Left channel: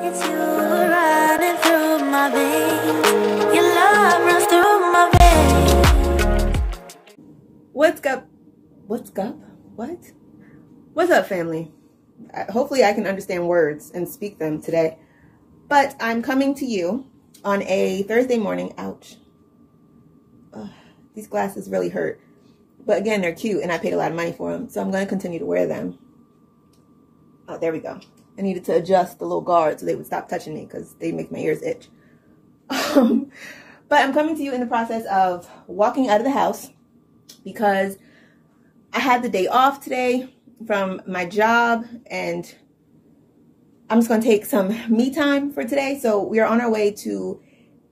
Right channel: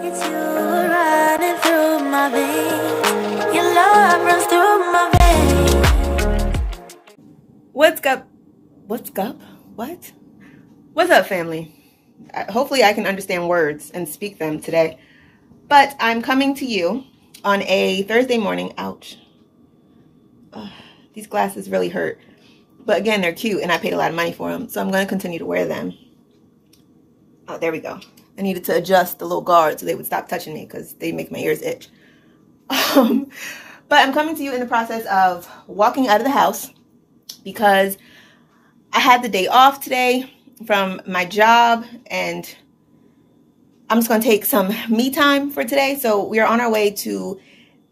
It's you running through my veins. Your love runs through my veins. What's up? What's up, family? Hopefully I can understand words and speak them today. But I'm coming to you on a Thursday morning. Ouch. These glasses really hurt. But again, they're cute and I paid a lot of money for them. So I'm going to continue to wear them. Oh, there we go. I needed to adjust the little guard so they would stop touching me because they make my ears itch. But I'm coming to you in the process of walking out of the house because I had the day off today from my job and I'm just going to take some me time for today. So we are on our way to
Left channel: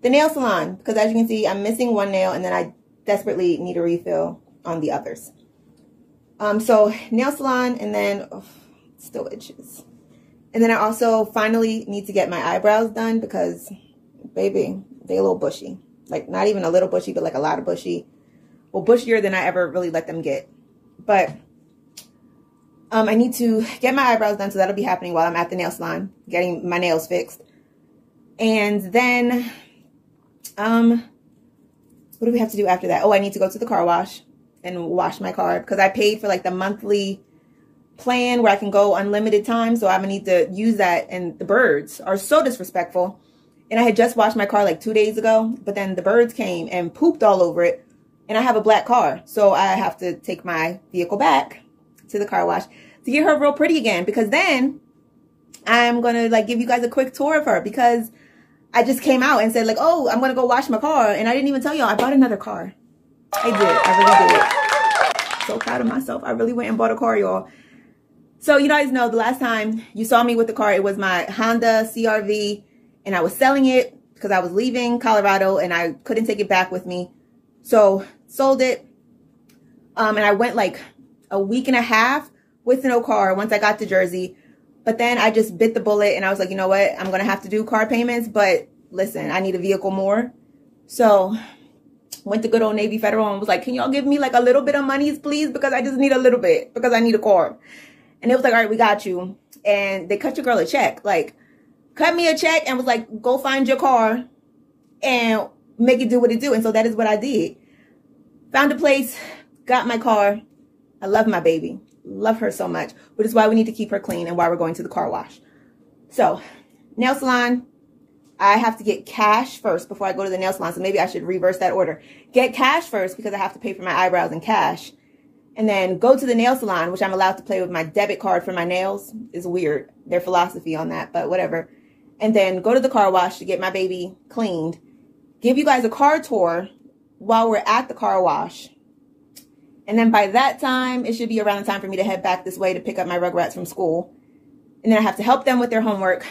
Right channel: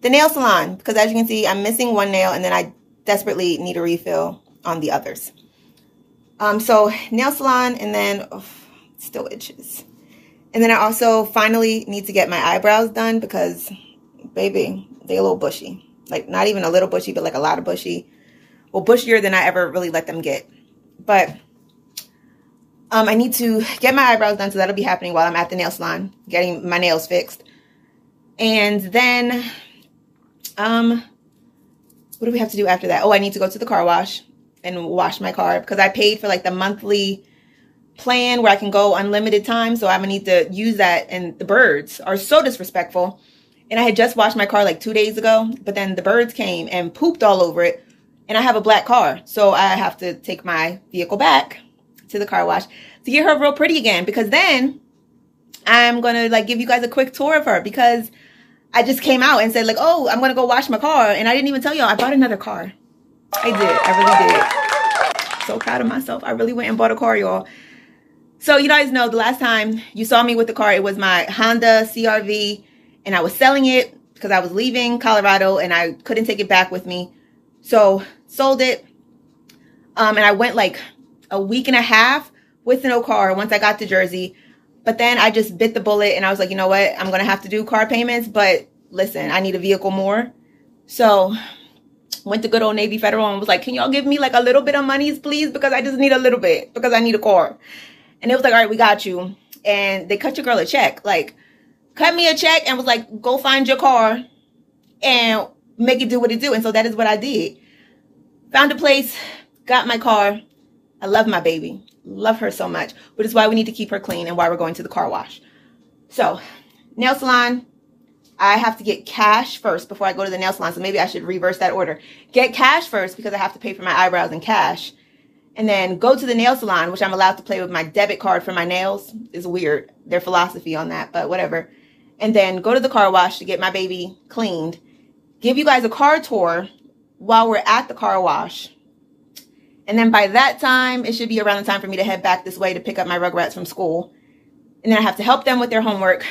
the nail salon because as you can see, I'm missing one nail and then I desperately need a refill on the others. So nail salon and then still itches. And then I also finally need to get my eyebrows done because, baby, they're a little bushy. Like, not even a little bushy, but like a lot of bushy. Well, bushier than I ever really let them get. But I need to get my eyebrows done, so that'll be happening while I'm at the nail salon, getting my nails fixed. And then, what do we have to do after that? Oh, I need to go to the car wash and wash my car because I paid for like the monthly plan where I can go unlimited time, so I'm gonna need to use that. And the birds are so disrespectful, and I had just washed my car like 2 days ago, but then the birds came and pooped all over it, and I have a black car, so I have to take my vehicle back to the car wash to get her real pretty again, because then I'm gonna like give you guys a quick tour of her because I just came out and said like, oh, I'm gonna go wash my car, and I didn't even tell y'all I bought another car. I really did. So proud of myself. I really went and bought a car, y'all. So you guys know the last time you saw me with the car, it was my Honda CR-V, and I was selling it because I was leaving Colorado and I couldn't take it back with me. So sold it, and I went like a week and a half with no car once I got to Jersey. But then I just bit the bullet and I was like, you know what? I'm going to have to do car payments, but listen, I need a vehicle more. So went to good old Navy Federal and was like, can y'all give me like a little bit of money, please? Because I just need a little bit because I need a car. And it was like, all right, we got you. And they cut your girl a check. Like, cut me a check and was like, go find your car and make it do what it do. And so that is what I did. Found a place, got my car. I love my baby. Love her so much. But it's why we need to keep her clean and why we're going to the car wash. So, nail salon. I have to get cash first before I go to the nail salon. So maybe I should reverse that order. Get cash first because I have to pay for my eyebrows in cash. And then go to the nail salon, which I'm allowed to play with my debit card for my nails. Is weird, their philosophy on that, but whatever. And then go to the car wash to get my baby cleaned. Give you guys a car tour while we're at the car wash. And then by that time, it should be around the time for me to head back this way to pick up my Rugrats from school. And then I have to help them with their homework.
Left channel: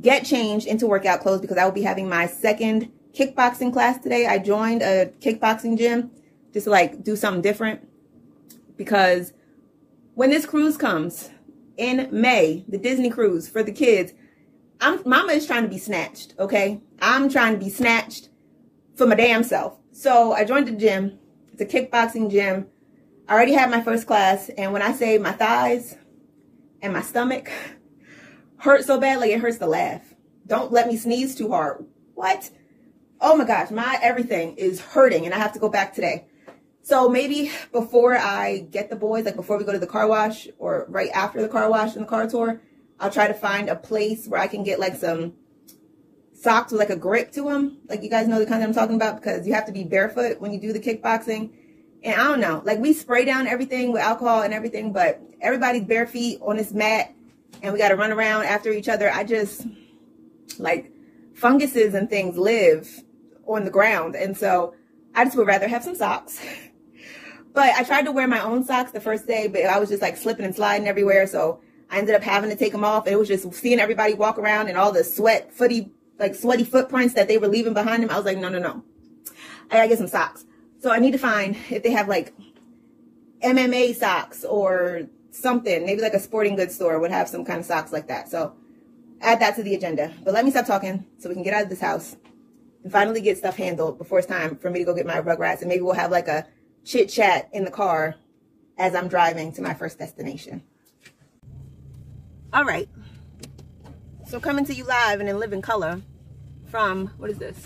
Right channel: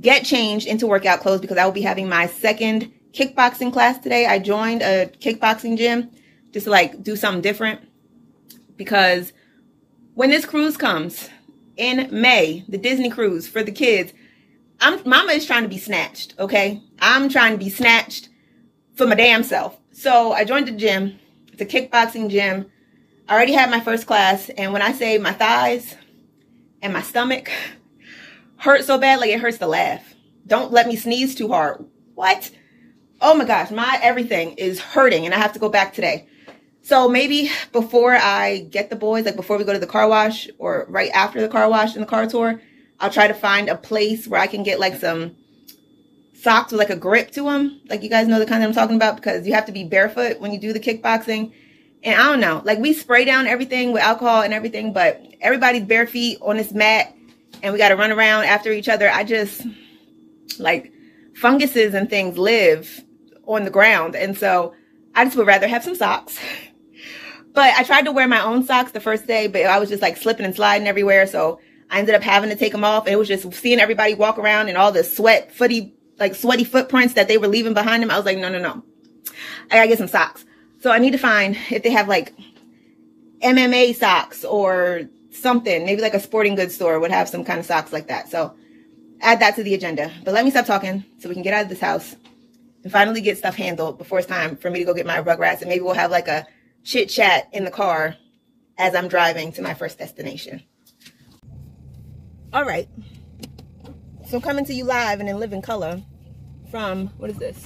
Get changed into workout clothes because I will be having my second kickboxing class today. I joined a kickboxing gym just to like do something different. Because when this cruise comes in May, the Disney cruise for the kids, Mama is trying to be snatched, okay? I'm trying to be snatched for my damn self. So I joined the gym. It's a kickboxing gym. I already had my first class. And when I say my thighs and my stomach hurt so bad, like it hurts to laugh. Don't let me sneeze too hard. What? Oh my gosh, my everything is hurting and I have to go back today. So maybe before I get the boys, like before we go to the car wash or right after the car wash and the car tour, I'll try to find a place where I can get like some socks with like a grip to them. Like you guys know the kind that I'm talking about because you have to be barefoot when you do the kickboxing. And I don't know, like we spray down everything with alcohol and everything, but everybody's bare feet on this mat and we got to run around after each other. I just like funguses and things live on the ground. And so I just would rather have some socks. But I tried to wear my own socks the first day, but I was just like slipping and sliding everywhere. So I ended up having to take them off. And it was just seeing everybody walk around and all the sweaty footprints that they were leaving behind them. I was like, no. I gotta get some socks. So I need to find if they have like MMA socks or something. Maybe like a sporting goods store would have some kind of socks like that. So add that to the agenda. But let me stop talking so we can get out of this house and finally get stuff handled before it's time for me to go get my Rugrats. And maybe we'll have like a chit chat in the car as I'm driving to my first destination. All right. So coming to you live and in living color from, what is this?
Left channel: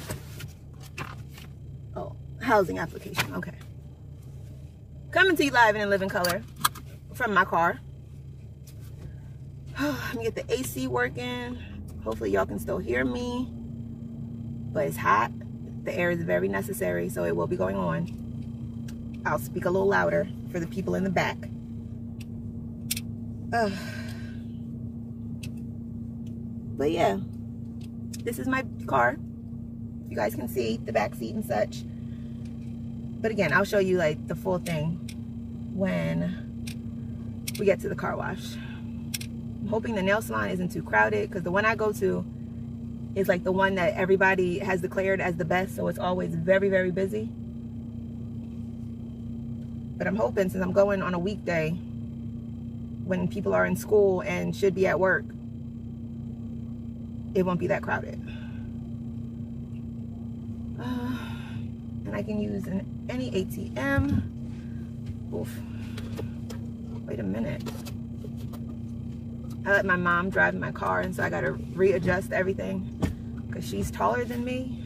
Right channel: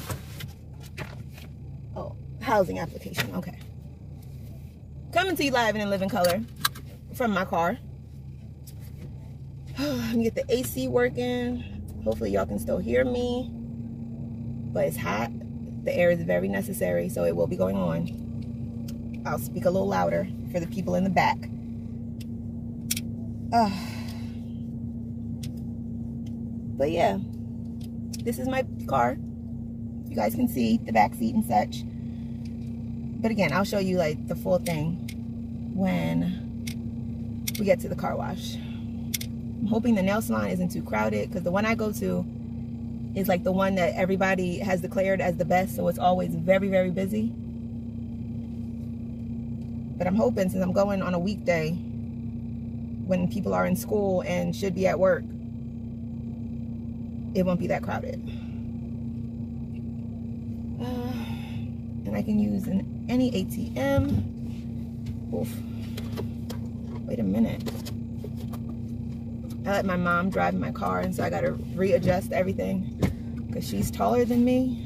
Oh, housing application, okay. Coming to you live and in living color from my car. Let me get the AC working. Hopefully y'all can still hear me. But it's hot. The air is very necessary, so it will be going on. I'll speak a little louder for the people in the back. But yeah, this is my car. You guys can see the back seat and such. But again, I'll show you like the full thing when we get to the car wash. I'm hoping the nail salon isn't too crowded, because the one I go to is like the one that everybody has declared as the best, so it's always very, very busy. But I'm hoping, since I'm going on a weekday when people are in school and should be at work, it won't be that crowded. And I can use any ATM. Oof. Wait a minute. I let my mom drive my car, and so I gotta readjust everything because she's taller than me.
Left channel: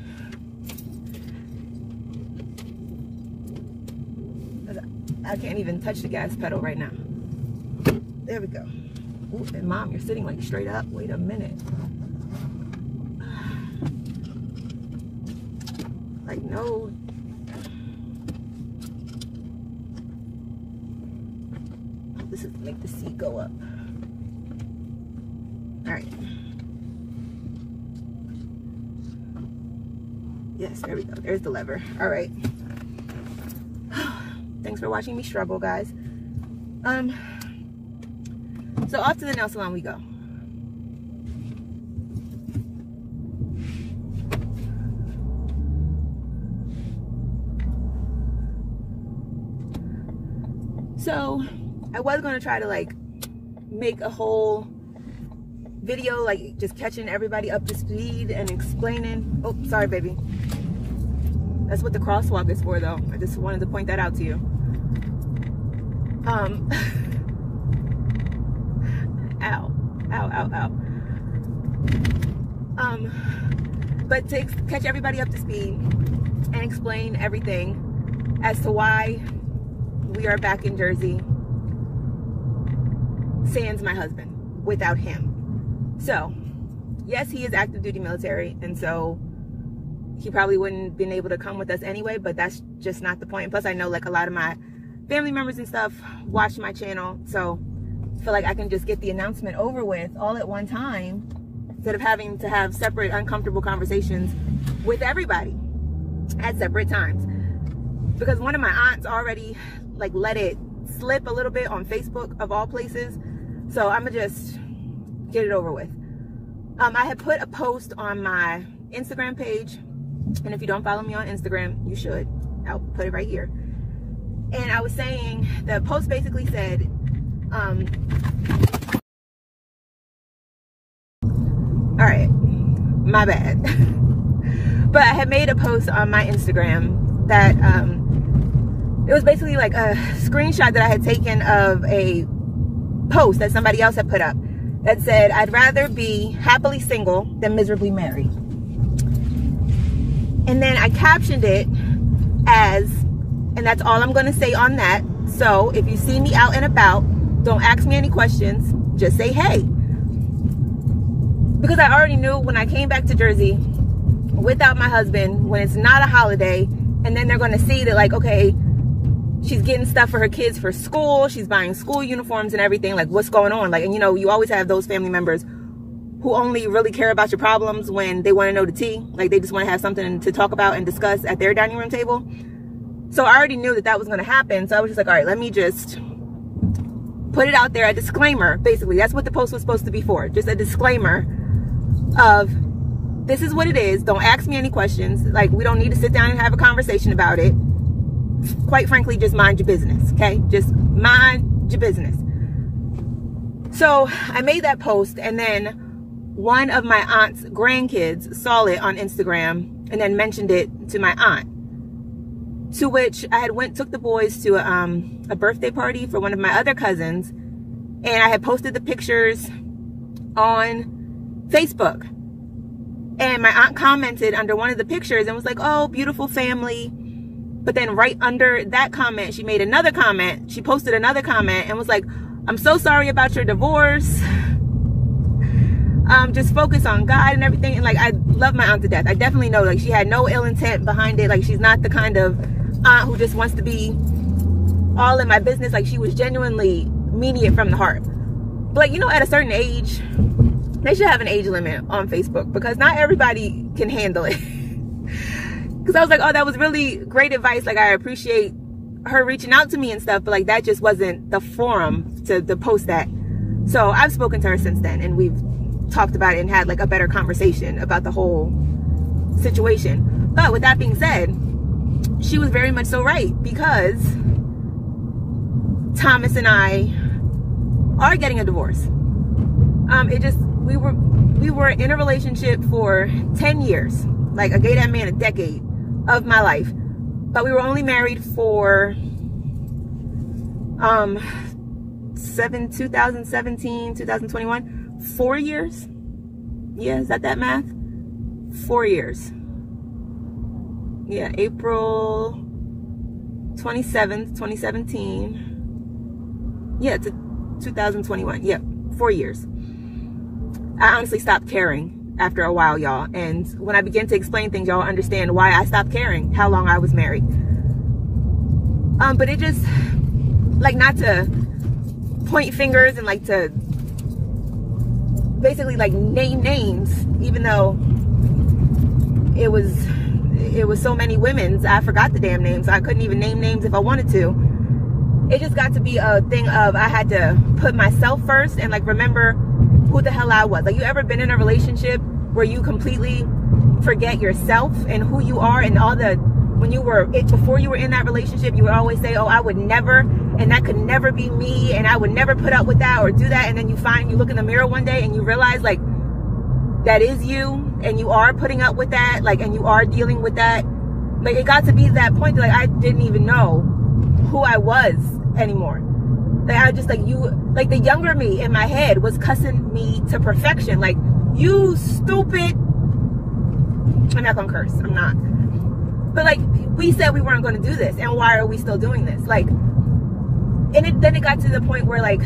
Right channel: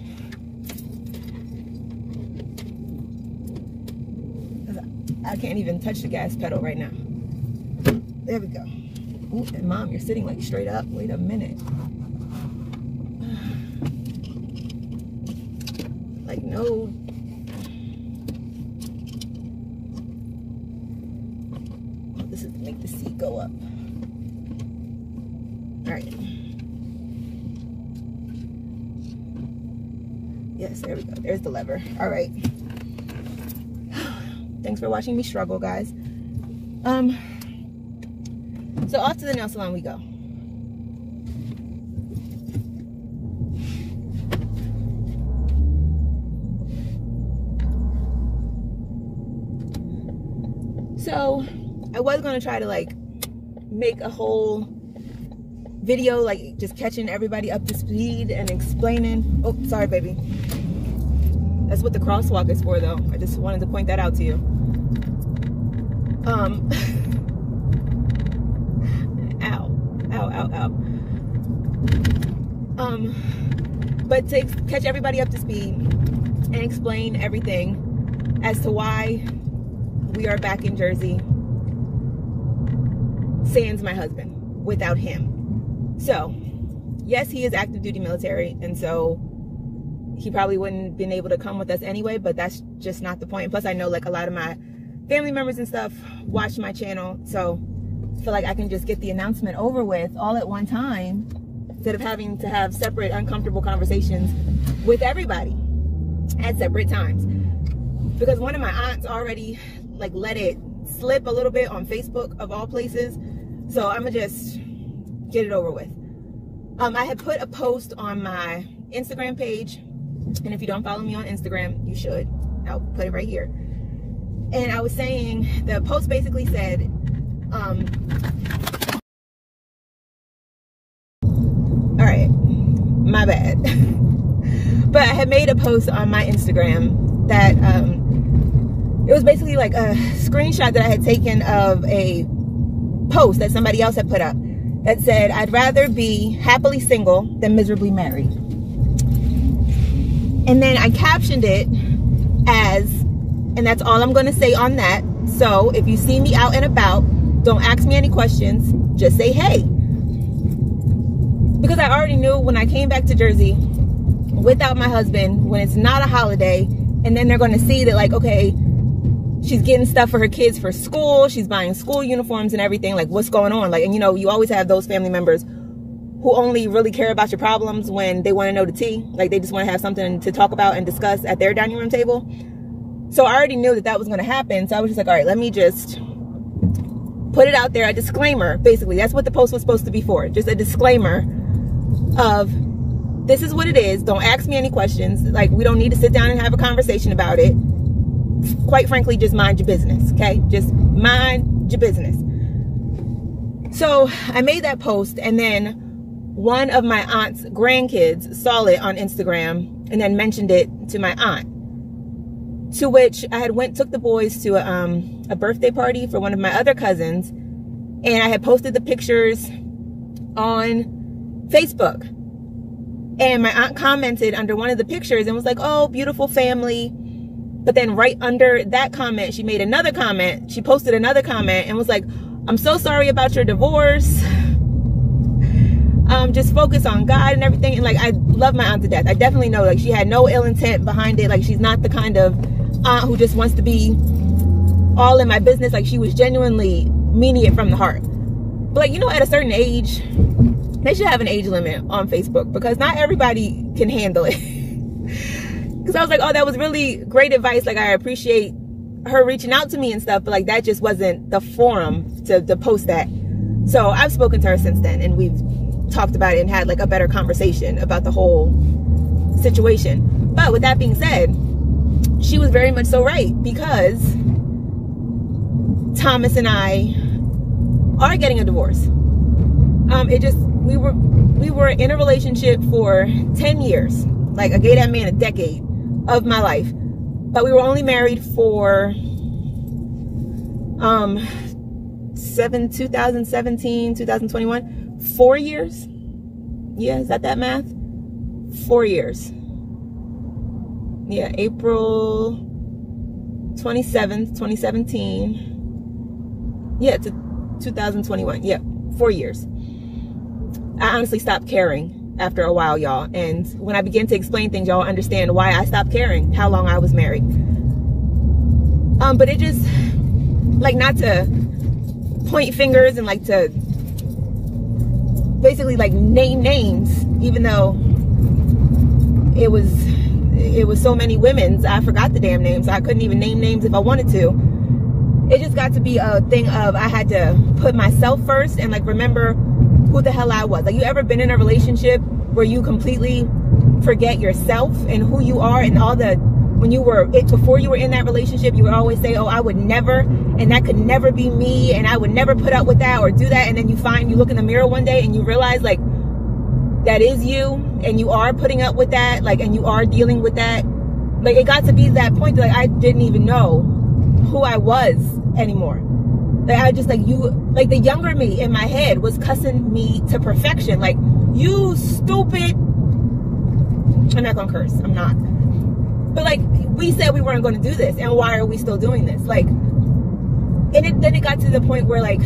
I can't even touch the gas pedal right now. There we go. Ooh, and Mom, you're sitting like straight up. Wait a minute. Like, no. This is to make the seat go up. All right. Yes, there we go. There's the lever. All right. Thanks for watching me struggle, guys. So off to the nail salon we go. So I was gonna try to like make a whole video, like just catching everybody up to speed and explaining. Oh, sorry, baby. That's what the crosswalk is for, though. I just wanted to point that out to you. Ow, ow, ow, ow. But to catch everybody up to speed and explain everything as to why we are back in Jersey, sans my husband, without him. So, yes, he is active duty military, and so he probably wouldn't have been able to come with us anyway, but that's just not the point. Plus, I know like a lot of my family members and stuff watch my channel, so I feel like I can just get the announcement over with all at one time instead of having to have separate uncomfortable conversations with everybody at separate times. Because one of my aunts already like let it slip a little bit on Facebook, of all places, so I'm gonna just get it over with. I have put a post on my Instagram page, and if you don't follow me on Instagram, you should. I'll put it right here. And I was saying, the post basically said, all right, my bad. But I had made a post on my Instagram that it was basically like a screenshot that I had taken of a post that somebody else had put up that said, I'd rather be happily single than miserably married. And then I captioned it as, and that's all I'm going to say on that. So if you see me out and about, don't ask me any questions. Just say, hey. Because I already knew when I came back to Jersey without my husband, when it's not a holiday, and then they're going to see that, like, okay, she's getting stuff for her kids for school. She's buying school uniforms and everything. Like, what's going on? Like, and you know, you always have those family members who only really care about your problems when they want to know the tea. Like, they just want to have something to talk about and discuss at their dining room table. So I already knew that that was going to happen. So I was just like, all right, let me just put it out there, a disclaimer. Basically, that's what the post was supposed to be for. Just a disclaimer of, this is what it is. Don't ask me any questions. Like, we don't need to sit down and have a conversation about it. Quite frankly, just mind your business, okay? Just mind your business. So I made that post, and then one of my aunt's grandkids saw it on Instagram and then mentioned it to my aunt. To which I had took the boys to a birthday party for one of my other cousins, and I had posted the pictures on Facebook. And my aunt commented under one of the pictures and was like, oh, beautiful family. But then right under that comment, she made another comment. She posted another comment and was like, I'm so sorry about your divorce. Just focus on God and everything. And like, I love my aunt to death. I definitely know, like, she had no ill intent behind it. Like, she's not the kind of aunt who just wants to be all in my business. Like, she was genuinely meaning it from the heart. But like, you know, at a certain age, they should have an age limit on Facebook, because not everybody can handle it. Because I was like, oh, that was really great advice. Like, I appreciate her reaching out to me and stuff, but like, that just wasn't the forum to post that. So I've spoken to her since then, and we've talked about it and had like a better conversation about the whole situation. But with that being said, she was very much so right, because Thomas and I are getting a divorce. We were in a relationship for 10 years. Like, I gave that man a decade of my life, but we were only married for 2017, 2021, 4 years. Yeah, is that math? 4 years. Yeah, April 27th, 2017. Yeah, to 2021. Yeah, 4 years. I honestly stopped caring after a while, y'all. And when I begin to explain things, y'all understand why I stopped caring how long I was married. But it just, like, not to point fingers and like to basically like name names, even though it was so many women's, I forgot the damn names. I couldn't even name names if I wanted to. It just got to be a thing of, I had to put myself first and like remember who the hell I was. Like, you ever been in a relationship where you completely forget yourself and who you are, and all the, before you were in that relationship, you would always say, oh, I would never, and that could never be me, and I would never put up with that or do that. And then you look in the mirror one day and you realize, like, that is you, and you are putting up with that, like, and you are dealing with that. Like, it got to be that point that, like, I didn't even know who I was anymore. Like, I just, like, the younger me in my head was cussing me to perfection. Like, you stupid. I'm not gonna curse. I'm not. But like, we said we weren't going to do this, and why are we still doing this? Like, and then it got to the point where, like,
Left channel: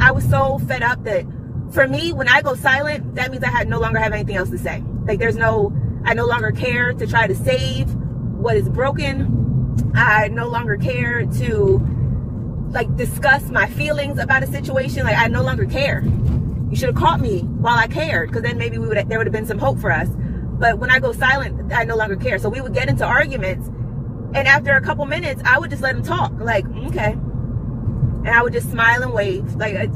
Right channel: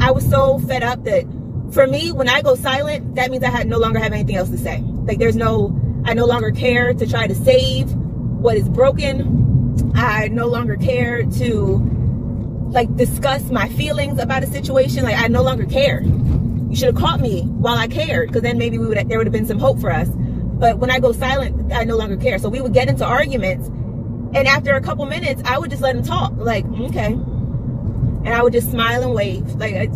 I was so fed up that for me, when I go silent, that means I no longer have anything else to say. Like, I no longer care to try to save what is broken. I no longer care to like discuss my feelings about a situation. Like, I no longer care. You should have caught me while I cared, because then maybe there would have been some hope for us. But when I go silent, I no longer care. So we would get into arguments, and after a couple minutes, I would just let him talk. Like, okay. And I would just smile and wave. Like,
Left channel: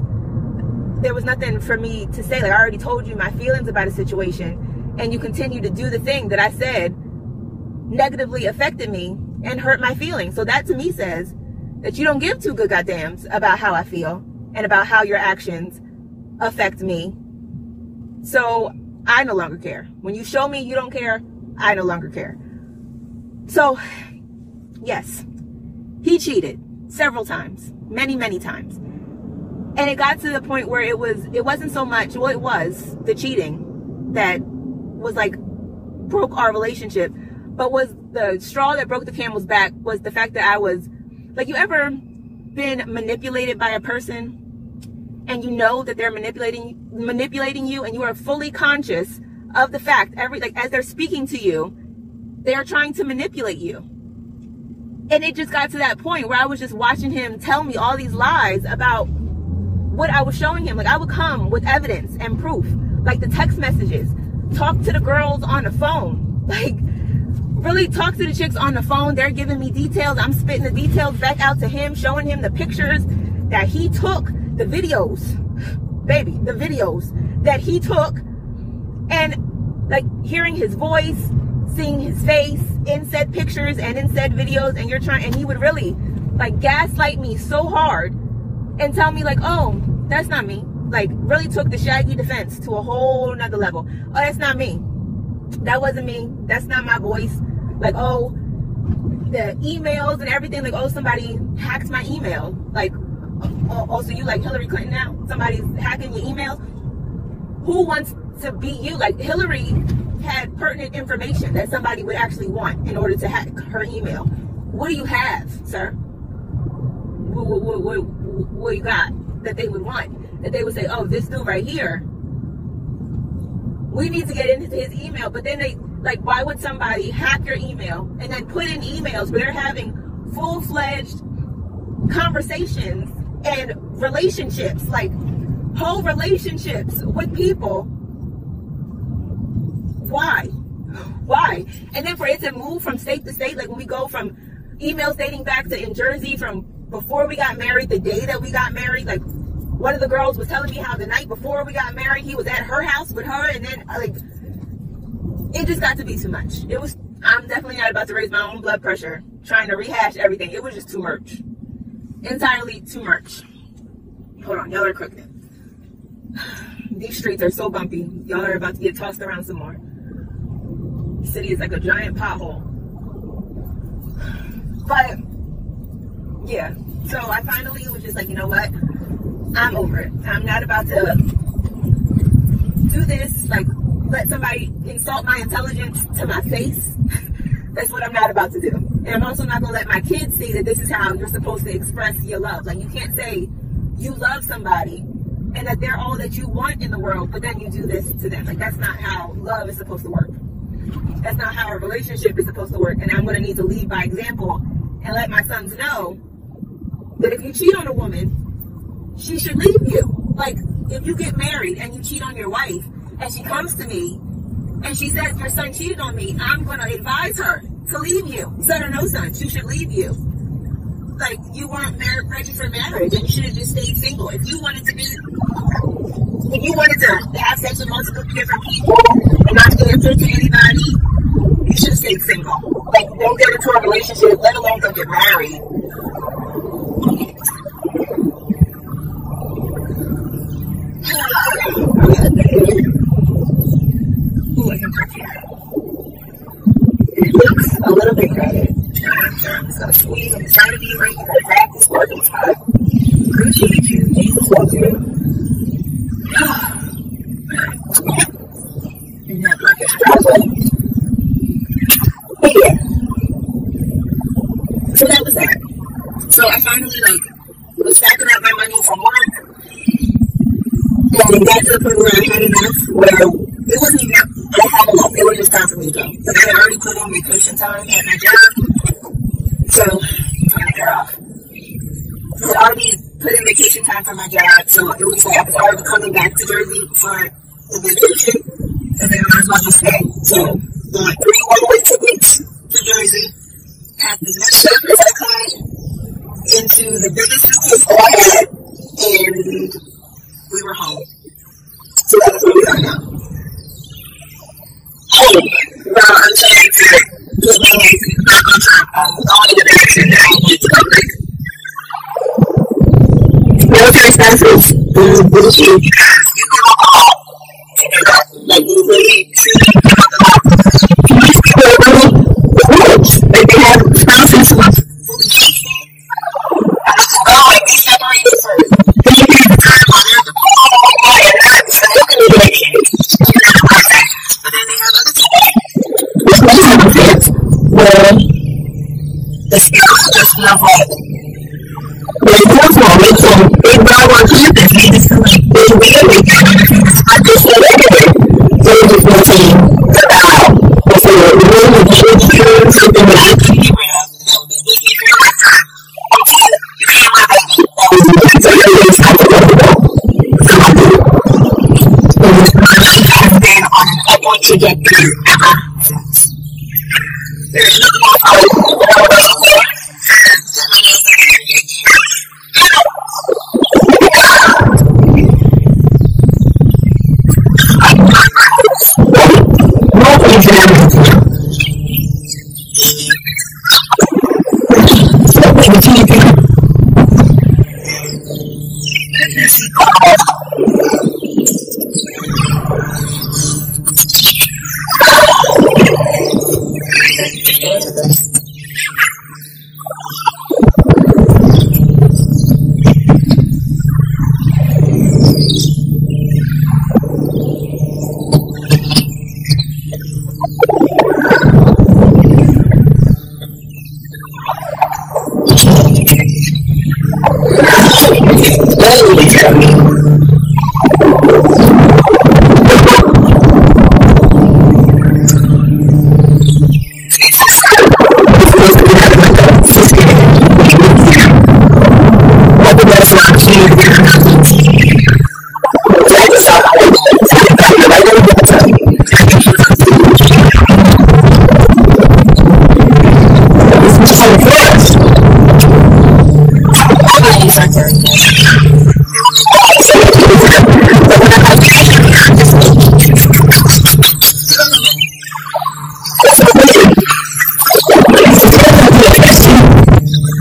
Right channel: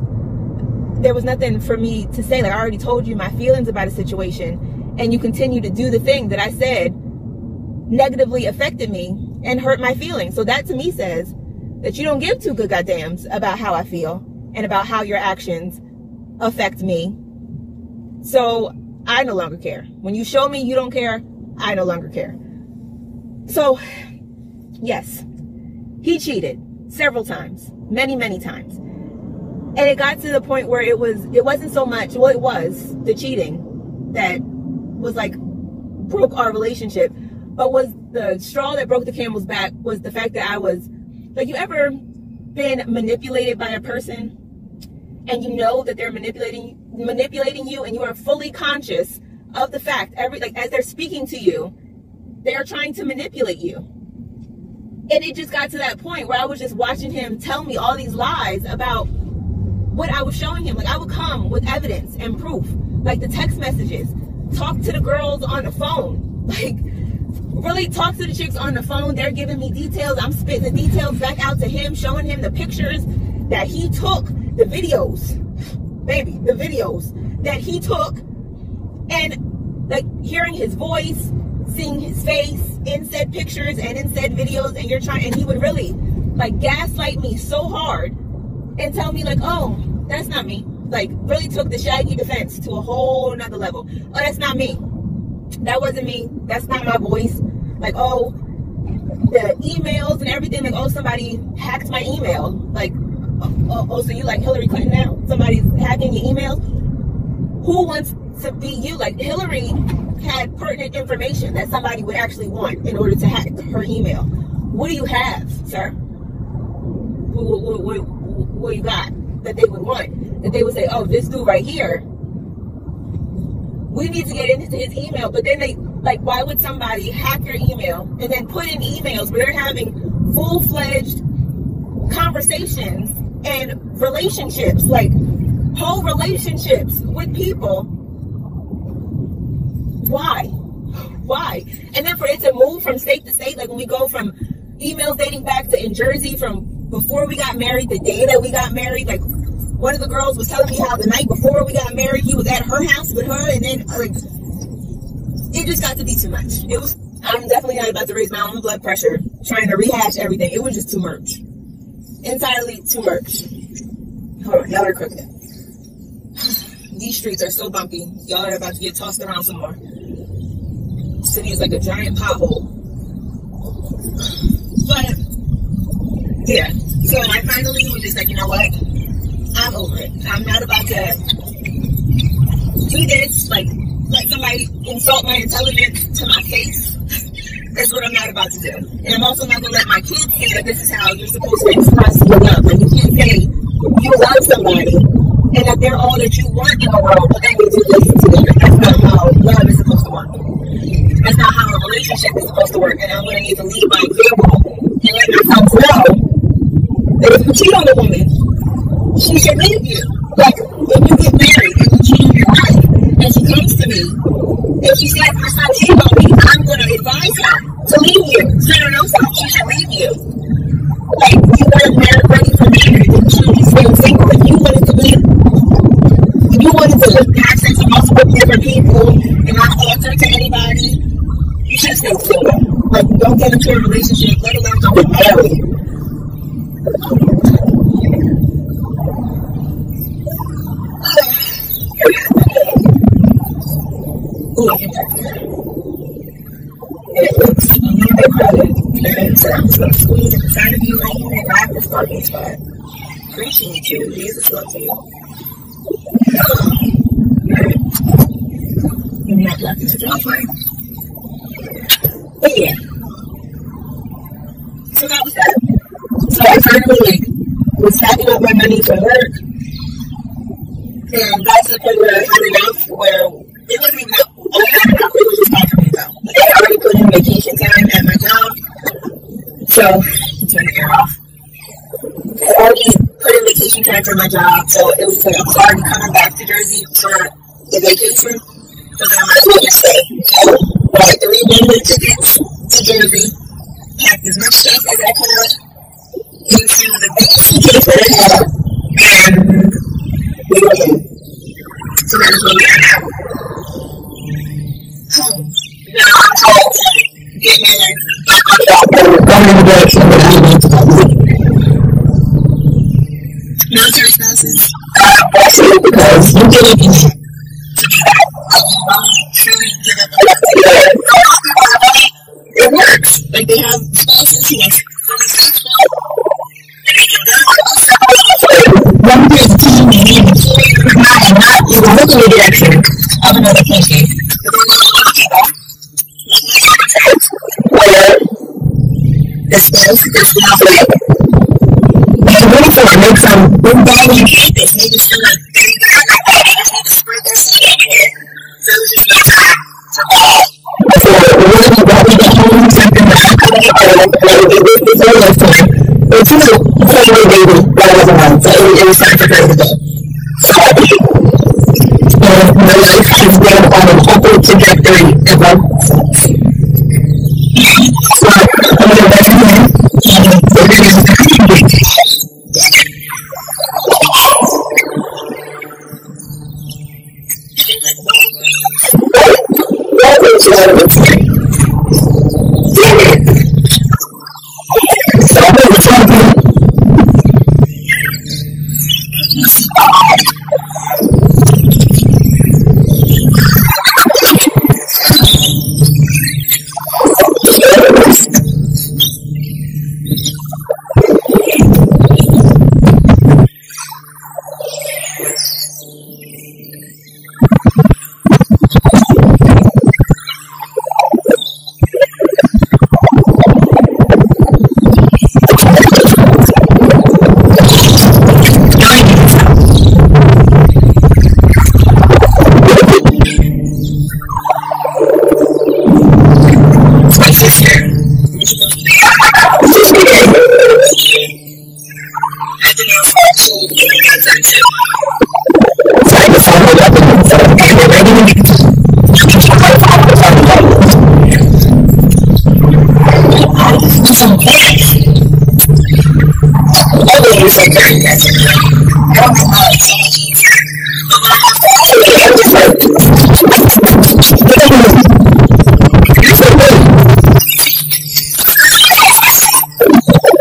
there was nothing for me to say. Like, I already told you my feelings about a situation, and you continue to do the thing that I said negatively affected me and hurt my feelings. So that to me says that you don't give two good goddams about how I feel and about how your actions affect me. So I no longer care. When you show me you don't care, I no longer care. So yes, he cheated several times, many, many times. And it got to the point where it wasn't so much, well, it was the cheating that was like broke our relationship, but was the straw that broke the camel's back was the fact that I was, like, you ever been manipulated by a person and you know that they're manipulating you, and you are fully conscious of the fact as they're speaking to you, they are trying to manipulate you. And it just got to that point where I was just watching him tell me all these lies about what I was showing him. Like, I would come with evidence and proof, like the text messages, talk to the girls on the phone, like really talk to the chicks on the phone. They're giving me details. I'm spitting the details back out to him, showing him the pictures that he took, the videos, baby, the videos that he took, and like hearing his voice, seeing his face in said pictures and in said videos, and he would really like gaslight me so hard and tell me like, oh, that's not me. Like, really took the Shaggy defense to a whole nother level. Oh, that's not me. That wasn't me. That's not my voice. Like, oh, the emails and everything, like, oh, somebody hacked my email. Like, oh, so you like Hillary Clinton now? Somebody's hacking your emails? Who wants to be you. Like Hillary had pertinent information that somebody would actually want in order to hack her email. What do you have, sir? What you got that they would want? That they would say, oh, this dude right here, we need to get into his email. But then they, like, why would somebody hack your email and then put in emails where they're having full-fledged conversations and relationships, like whole relationships with people? Why? And then for it to move from state to state, like when we go from emails dating back to in Jersey from before we got married, the day that we got married, like one of the girls was telling me how the night before we got married, he was at her house with her, and then like it just got to be too much. I'm definitely not about to raise my own blood pressure trying to rehash everything. It was just too much. Entirely too much. Hold on, y'all are quick. These streets are so bumpy. Y'all are about to get tossed around some more. The city is like a giant pothole. But yeah, so I finally was just like, you know what? I'm over it. I'm not about to do this, like let somebody insult my intelligence to my face. That's what I'm not about to do. And I'm also not going to let my kids say that this is how you're supposed to express your love. Like, you can't say you love somebody and that they're all that you want in the world, but then you do this to them. That's not how love is supposed to work. That's not how a relationship is supposed to work. And I'm going to need to lead by example and let myself know that if you cheat on a woman, she should leave you. Like, if you get married and you cheat on your wife, and she comes to me, and she says, my son cheated on me, I'm going to advise her to leave you. Let her know something. She should leave you. Like, you weren't married, ready for marriage, and you should have just stayed single. If you wanted to have sex with multiple different people and not answer to anybody, you should have stayed single. Like, don't get into a relationship, let alone don't get married. Ooh, I can park here. It looks a little bit crowded. So I'm just going to squeeze inside of you right here and grab this parking spot. Appreciate you. Jesus loves you. Give me that blackest driveway. But yeah. So that was that. So I finally was packing up my money from work and got to the point where I had enough where it wasn't even I had enough, it was just time for me to go. Like, I had already put in vacation time at my job. So, turn the air off. I had already put in vacation time for my job, so it was like I was already coming back to Jersey for the vacation. So I might as well just stay. So, bought 3 one-way tickets to Jersey, packed as much stuff as I could into the biggest suitcase that I had, and we were home. So that's where we are now. Home. Now I'm trying to get me back on track and going in the direction that I need to go. Like, military expenses bless you because you give up a lot to do that. Like, you really truly give up a lot to do it. For most people, it works. Like, they have spouses who are really faithful and they can go and be separated for long periods of time while they're deployed and whatnot and not even look in the direction of another person. But then they have other people, like my circumstance, where the spouse just feels like their uniform makes them big dog on campus. They just feel like they wear like that. They just need to spread their shit everywhere. So it just makes time to bow before the one is that we get home something that I couldn't get rid of, and it would be with me for a lifetime. Or 2, you can't wear baby. That wasn't one. So everything's time for them to go. So I did. And my life has been on an upward trajectory ever since. So, I'm going to go here and the video is very engaging. What is your attitude? So I'm going to tell you. I didn't get to. It's so fast. Always like that. So much easier. But when I have passion, I'm just like, look at me. That's so weird.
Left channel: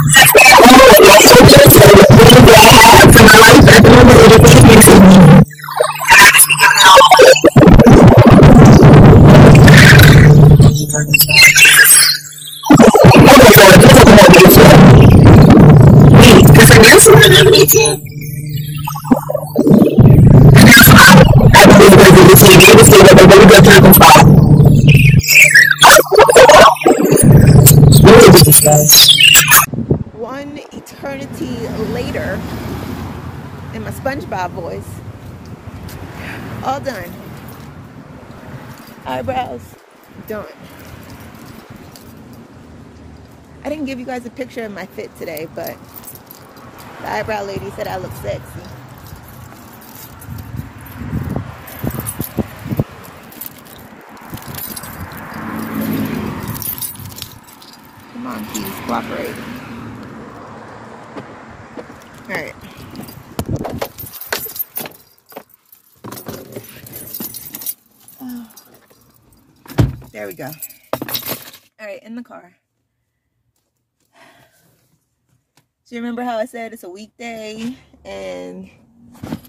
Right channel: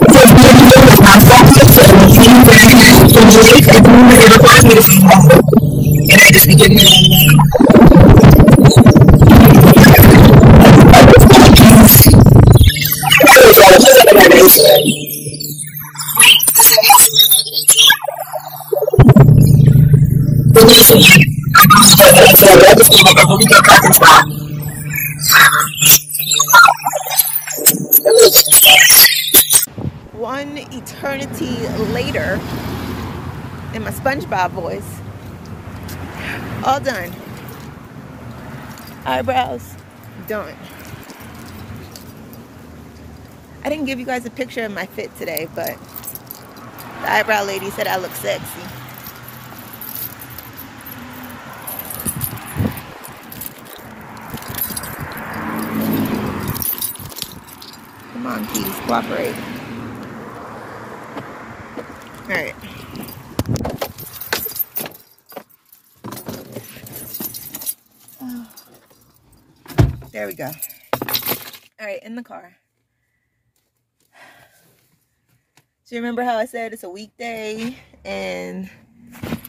Just being alone with my focus and the things that I have for my life at the moment, it requires me to see more. And I just be giving it all away. Just like another ATM. Wait, because the nail salon has an ATM. The nail salon, I believe, has an ATM. They just gave it a really good parking spot. One eternity later, in my SpongeBob voice, all done. Eyebrows done. I didn't give you guys a picture of my fit today, but the eyebrow lady said I look sexy. Come on, Keys, cooperate. All right. Oh. There we go. All right, in the car. So you remember how I said it's a weekday and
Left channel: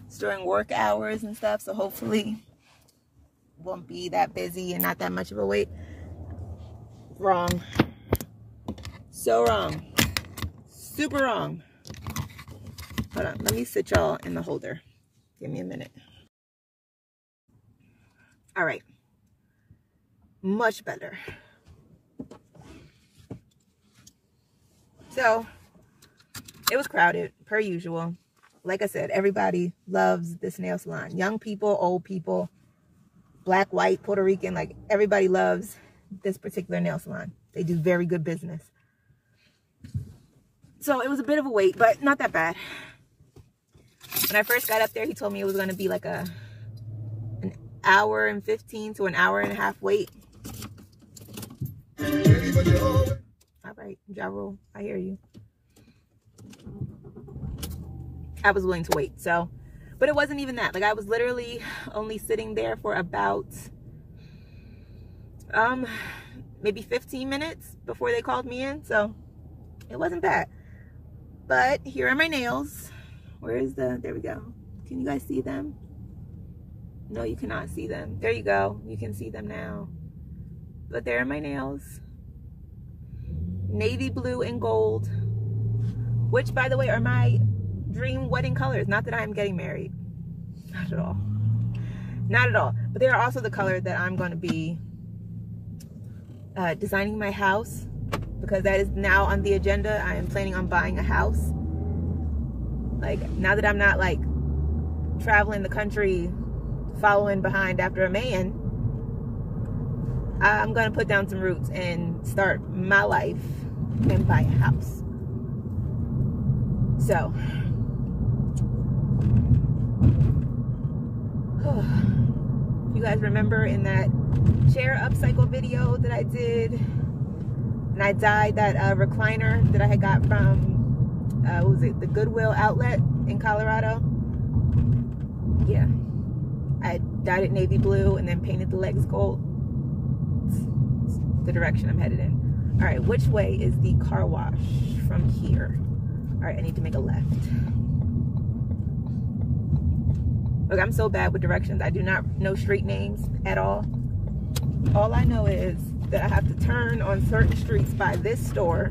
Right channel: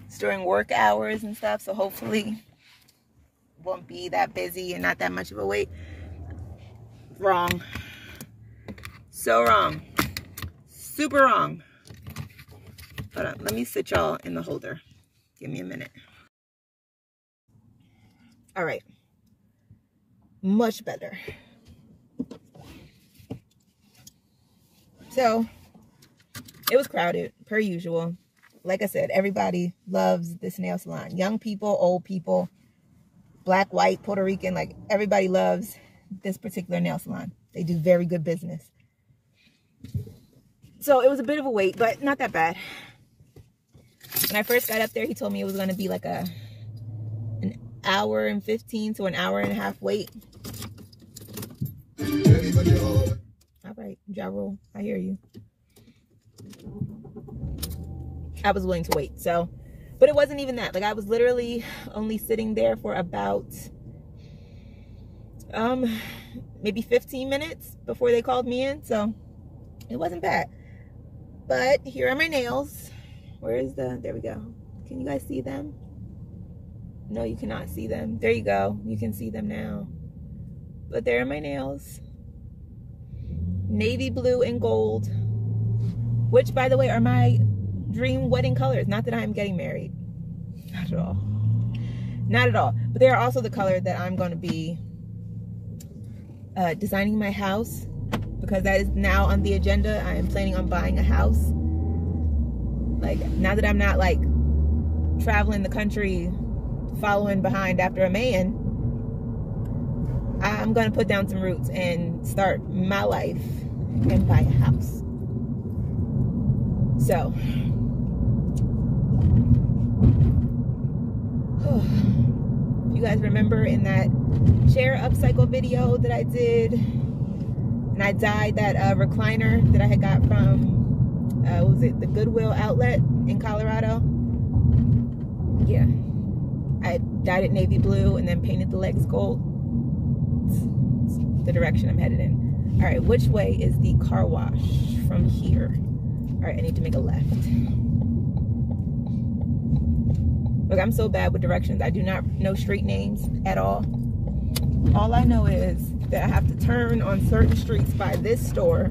it's during work hours and stuff, so hopefully it won't be that busy and not that much of a wait. Wrong. So wrong. Super wrong. Hold on, let me sit y'all in the holder. Give me a minute. All right. Much better. So it was crowded, per usual. Like I said, everybody loves this nail salon. Young people, old people, black, white, Puerto Rican, like everybody loves this particular nail salon. They do very good business. So it was a bit of a wait, but not that bad. When I first got up there, he told me it was going to be like an hour and 15 to an hour and a half wait. All right, Ja Rule, I hear you. I was willing to wait, so, but it wasn't even that. Like, I was literally only sitting there for about maybe 15 minutes before they called me in, so it wasn't bad. But here are my nails. Where is there we go. Can you guys see them? No, you cannot see them. There you go. You can see them now. But there are my nails. Navy blue and gold, which, by the way, are my dream wedding colors. Not that I'm getting married. Not at all. Not at all. But they are also the color that I'm going to be designing my house, because that is now on the agenda. I am planning on buying a house. Like, now that I'm not like traveling the country following behind after a man, I'm going to put down some roots and start my life and buy a house. So, if you guys remember in that chair upcycle video that I did, and I dyed that recliner that I had got from, what was it, the Goodwill outlet in Colorado? Yeah. I dyed it navy blue and then painted the legs gold. It's the direction I'm headed in. All right, which way is the car wash from here? All right, I need to make a left. Look, I'm so bad with directions. I do not know street names at all. All I know is that I have to turn on certain streets by this store,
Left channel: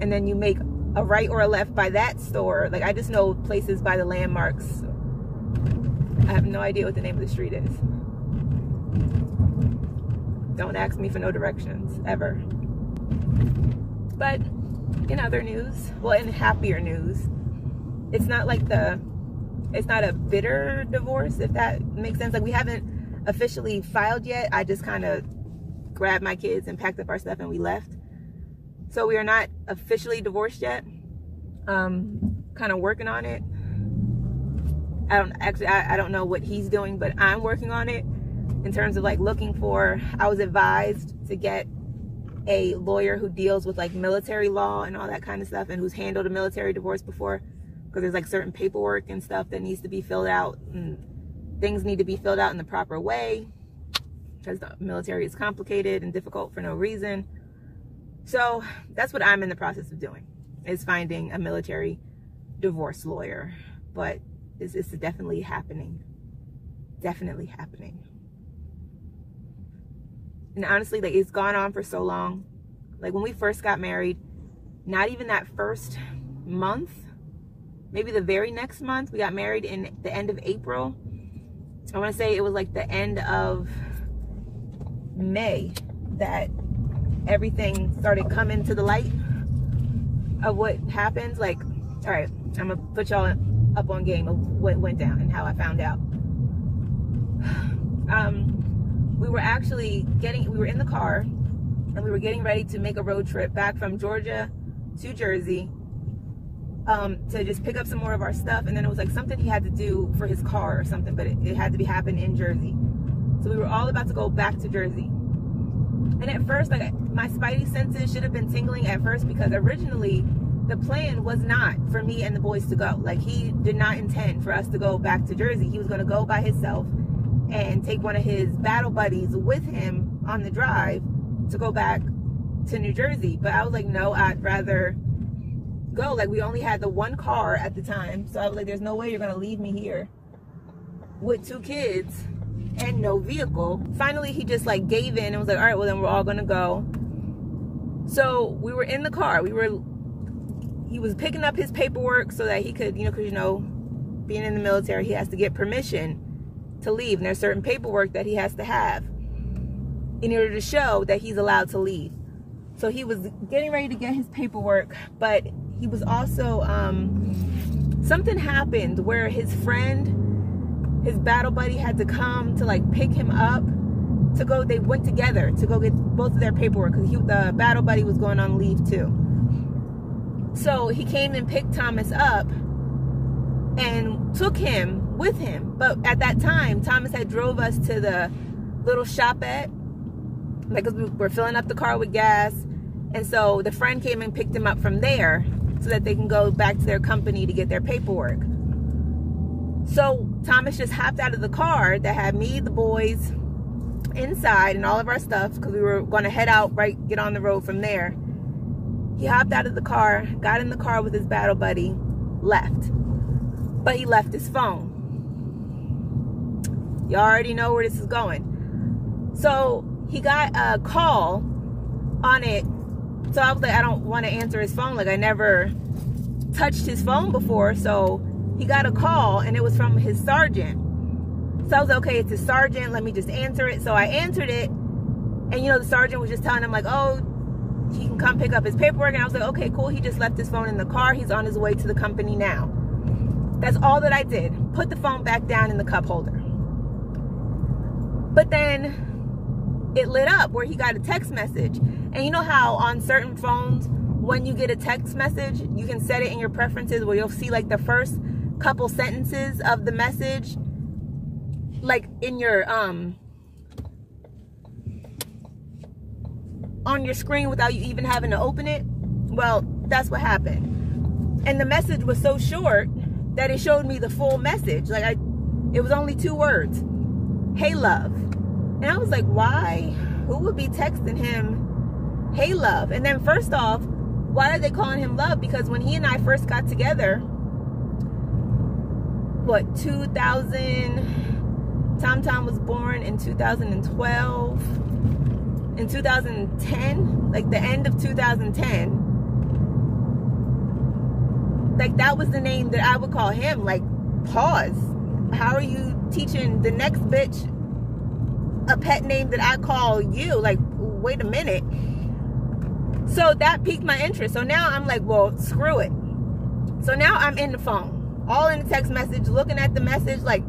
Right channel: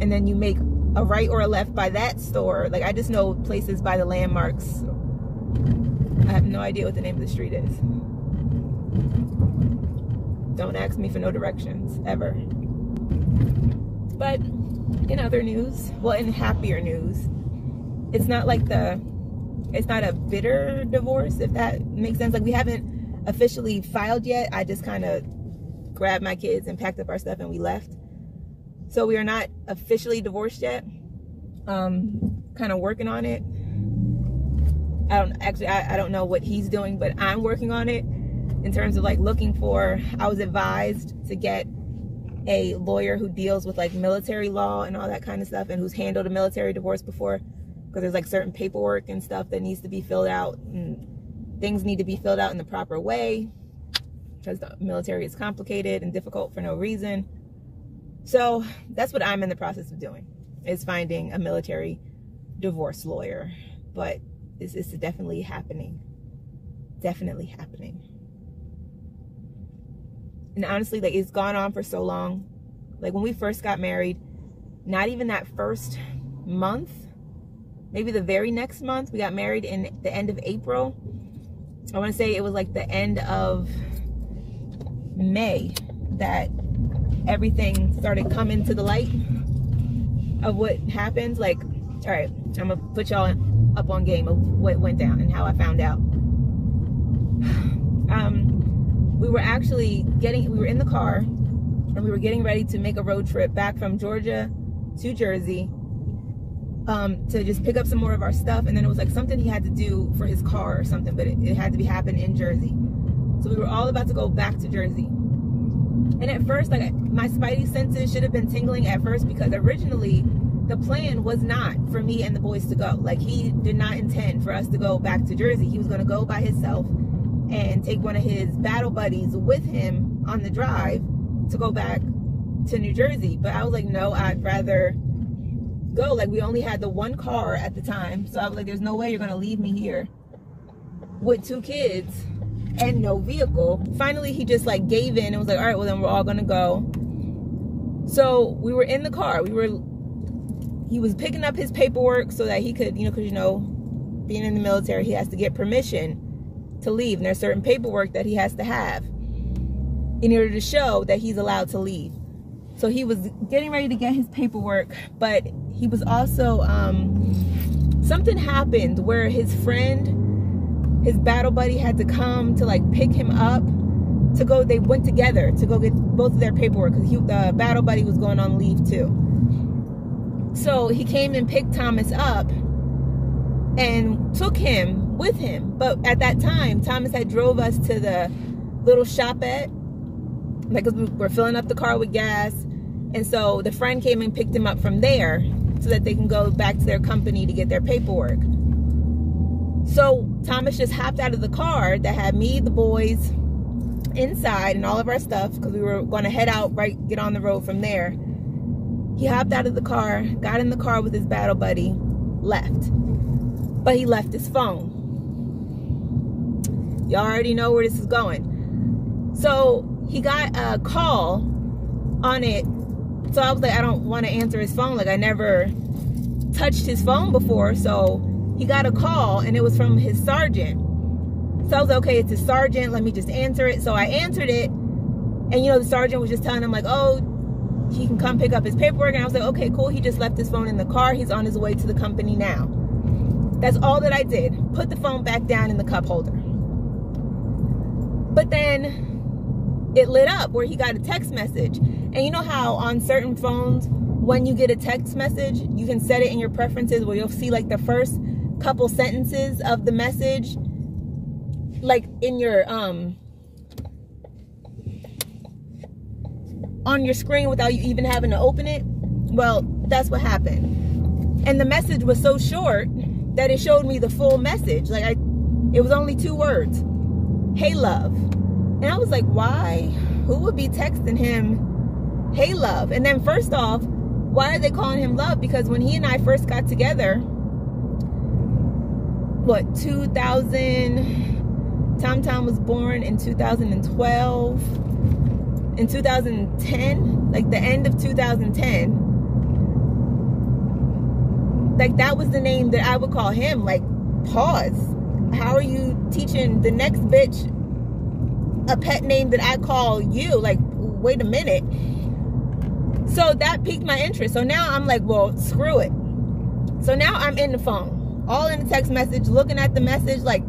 and then you make a right or a left by that store. Like, I just know places by the landmarks. I have no idea what the name of the street is. Don't ask me for no directions, ever. But in other news, well, in happier news, it's not like it's not a bitter divorce, if that makes sense. Like, we haven't officially filed yet. I just kind of grabbed my kids and packed up our stuff and we left. So we are not officially divorced yet. Kind of working on it. I don't know what he's doing, but I'm working on it in terms of like looking for, I was advised to get a lawyer who deals with like military law and all that kind of stuff, and who's handled a military divorce before, because there's like certain paperwork and stuff that needs to be filled out, and things need to be filled out in the proper way, because the military is complicated and difficult for no reason. So that's what I'm in the process of doing, is finding a military divorce lawyer. But it's definitely happening. Definitely happening. And honestly, like, it's gone on for so long. Like, when we first got married, not even that first month, maybe the very next month, we got married in the end of April. I want to say it was like the end of May that everything started coming to the light of what happens. Like, all right, I'm gonna put y'all up on game of what went down and how I found out. We were in the car, and we were getting ready to make a road trip back from Georgia to Jersey, to just pick up some more of our stuff. And then it was like something he had to do for his car or something, but it had to happen in Jersey. So we were all about to go back to Jersey. And at first, like, my spidey senses should have been tingling at first, because originally the plan was not for me and the boys to go. Like, he did not intend for us to go back to Jersey. He was going to go by himself and take one of his battle buddies with him on the drive to go back to New Jersey. But I was like, no, I'd rather go. Like, we only had the one car at the time, so I was like, there's no way you're going to leave me here with 2 kids and no vehicle. Finally, he just like gave in and was like, all right, well then we're all gonna go. So we were in the car. He was picking up his paperwork so that he could, because being in the military, he has to get permission to leave, and there's certain paperwork that he has to have in order to show that he's allowed to leave. So he was getting ready to get his paperwork, but he was also something happened where his battle buddy had to come to like pick him up to go. They went together to go get both of their paperwork, because the battle buddy was going on leave too. So he came and picked Thomas up and took him with him. But at that time, Thomas had drove us to the little shopette, like, we were filling up the car with gas. And so the friend came and picked him up from there so that they can go back to their company to get their paperwork. So Thomas just hopped out of the car that had me, the boys inside, and all of our stuff, because we were going to head out, get on the road from there. He hopped out of the car, got in the car with his battle buddy, left. But he left his phone. You already know where this is going. So he got a call on it. So I was like, I don't want to answer his phone. Like, I never touched his phone before. So he got a call, and it was from his sergeant. So I was like, okay, it's his sergeant. Let me just answer it. So I answered it. And, the sergeant was just telling him, like, oh, he can come pick up his paperwork. And I was like, okay, cool. He just left his phone in the car. He's on his way to the company now. That's all that I did. Put the phone back down in the cup holder. But then it lit up where he got a text message. And you know how on certain phones, when you get a text message, you can set it in your preferences where you'll see like the first couple sentences of the message, like in your on your screen without you even having to open it. Well, that's what happened. And the message was so short that it showed me the full message. Like, it was only 2 words. Hey, love. And I was like, why? Who would be texting him, hey, love? And then first off, why are they calling him love? Because when he and I first got together, 2000, Tom was born in 2012. In 2010, like the end of 2010, like that was the name that I would call him. Like, pause. How are you teaching the next bitch a pet name that I call you? Like, wait a minute. So that piqued my interest. So now I'm like, well, screw it. So now I'm in the phone, all in the text message, looking at the message like,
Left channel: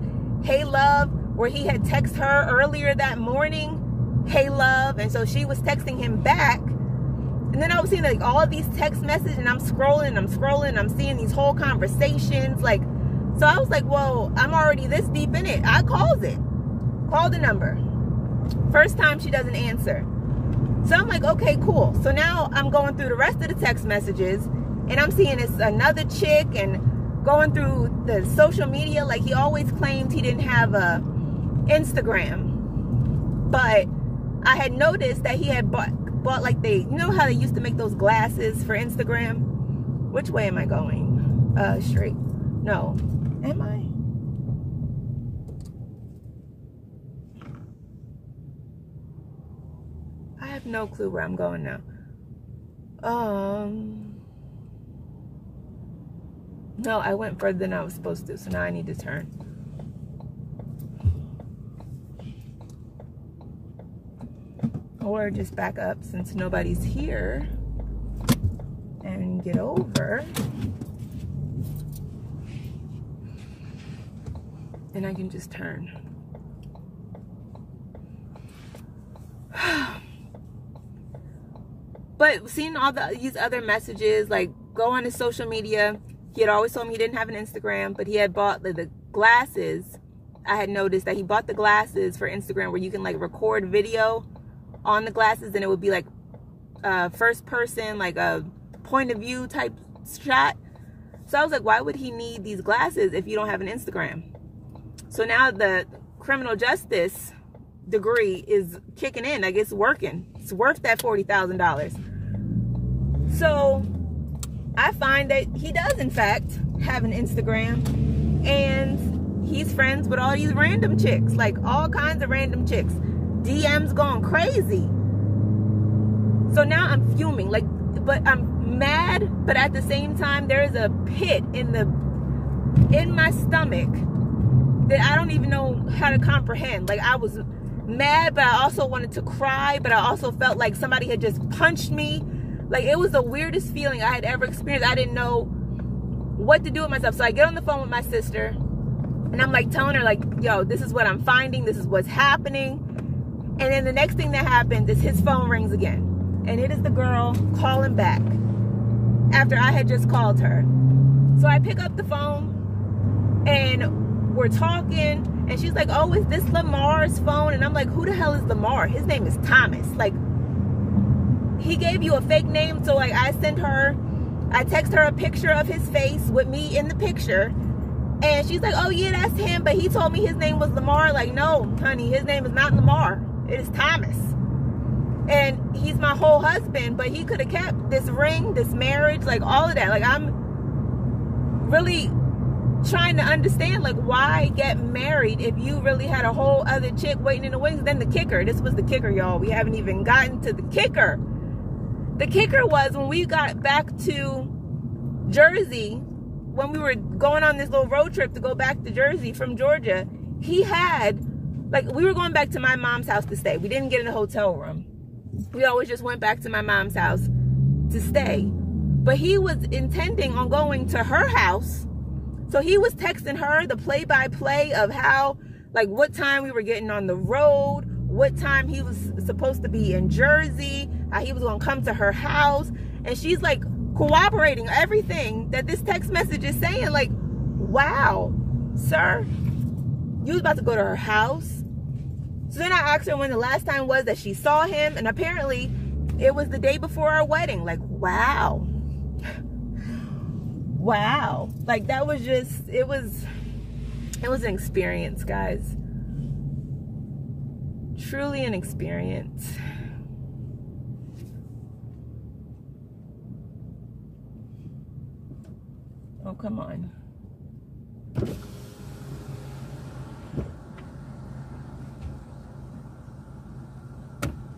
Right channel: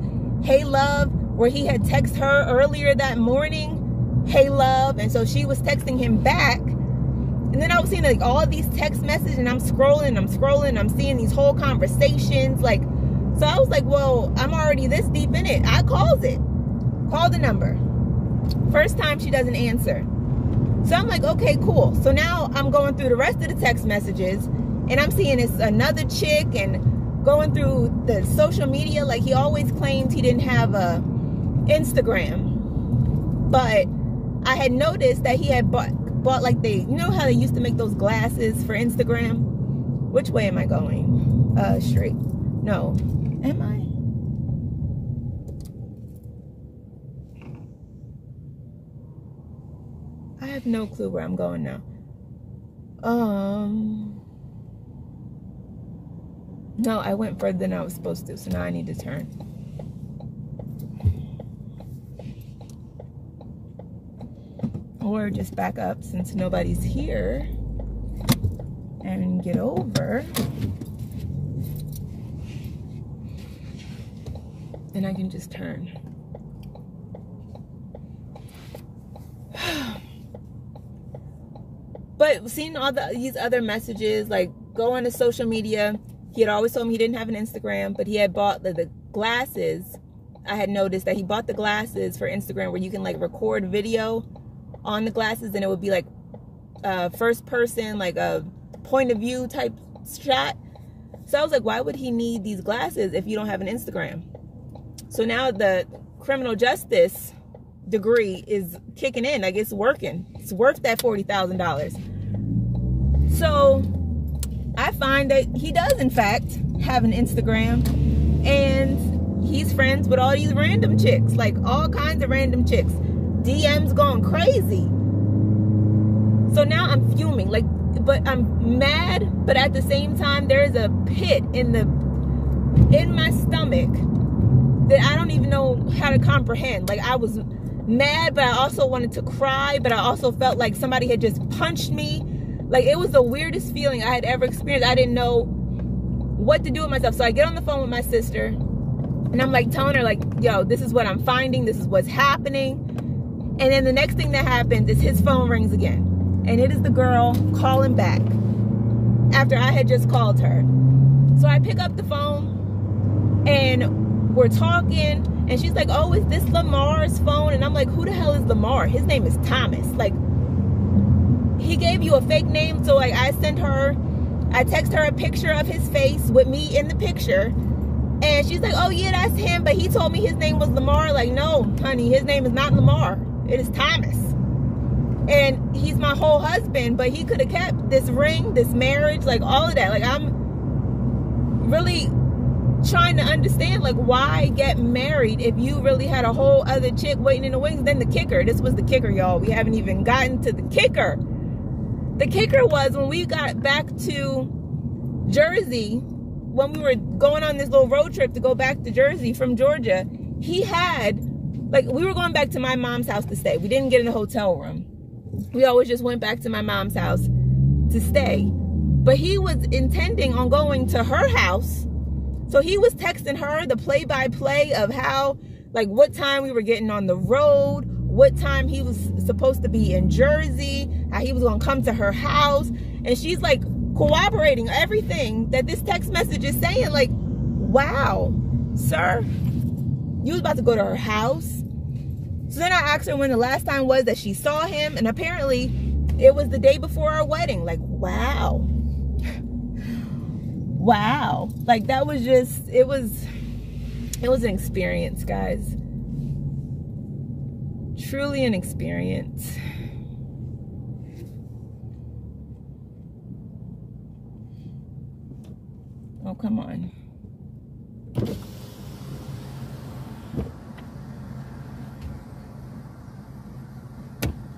hey, love, where he had texted her earlier that morning, hey, love. And so she was texting him back. And then I was seeing like all of these text messages, and I'm scrolling, I'm seeing these whole conversations, like So I was like, well, I'm already this deep in it. I called it. Called the number. First time she doesn't answer. So I'm like, okay, cool. So now I'm going through the rest of the text messages, and I'm seeing it's another chick, and going through the social media. Like, he always claimed he didn't have a Instagram, but I had noticed that he had bought like you know how they used to make those glasses for Instagram? Which way am I going? Straight. No. Am I? I have no clue where I'm going now. No, I went further than I was supposed to, so now I need to turn. Or just back up since nobody's here and get over. And I can just turn. But seeing all these other messages, like, go on his social media. He had always told me he didn't have an Instagram, but he had bought the glasses. I had noticed that he bought the glasses for Instagram where you can, like, record video on the glasses, and it would be like first person, like a point of view type shot. So I was like, why would he need these glasses if you don't have an Instagram? So now the criminal justice degree is kicking in. Like, it's working. It's worth that $40,000. So I find that he does in fact have an Instagram, and he's friends with all these random chicks, like all kinds of random chicks. DMs going crazy. So now I'm fuming, like, but I'm mad, but at the same time there is a pit in my stomach that I don't even know how to comprehend. Like, I was mad, but I also wanted to cry, but I also felt like somebody had just punched me. Like, it was the weirdest feeling I had ever experienced. I didn't know what to do with myself. So I get on the phone with my sister, and I'm like telling her, like, yo, this is what I'm finding, this is what's happening. And then the next thing that happens is his phone rings again. And it is the girl calling back after I had just called her. So I pick up the phone, and we're talking, and she's like, oh, is this Lamar's phone? And I'm like, who the hell is Lamar? His name is Thomas. Like, he gave you a fake name. So, like, I text her a picture of his face with me in the picture. And she's like, oh, yeah, that's him. But he told me his name was Lamar. Like, no, honey, his name is not Lamar. It is Thomas. And he's my whole husband, but he could have kept this ring, this marriage, like all of that. Like, I'm really trying to understand, like, why get married if you really had a whole other chick waiting in the wings? Then the kicker, this was the kicker, y'all. We haven't even gotten to the kicker. The kicker was when we got back to Jersey, when we were going on this little road trip to go back to Jersey from Georgia, he had, like, we were going back to my mom's house to stay. We didn't get in a hotel room. We always just went back to my mom's house to stay. But he was intending on going to her house. So he was texting her the play-by-play of how, like, what time we were getting on the road, what time he was supposed to be in Jersey, how he was going to come to her house. And she's, like, corroborating everything that this text message is saying. Like, wow, sir, you was about to go to her house. So then I asked her when the last time was that she saw him, and apparently it was the day before our wedding. Like, wow. Wow. Like, that was just, it was an experience, guys. Truly an experience. Oh, come on.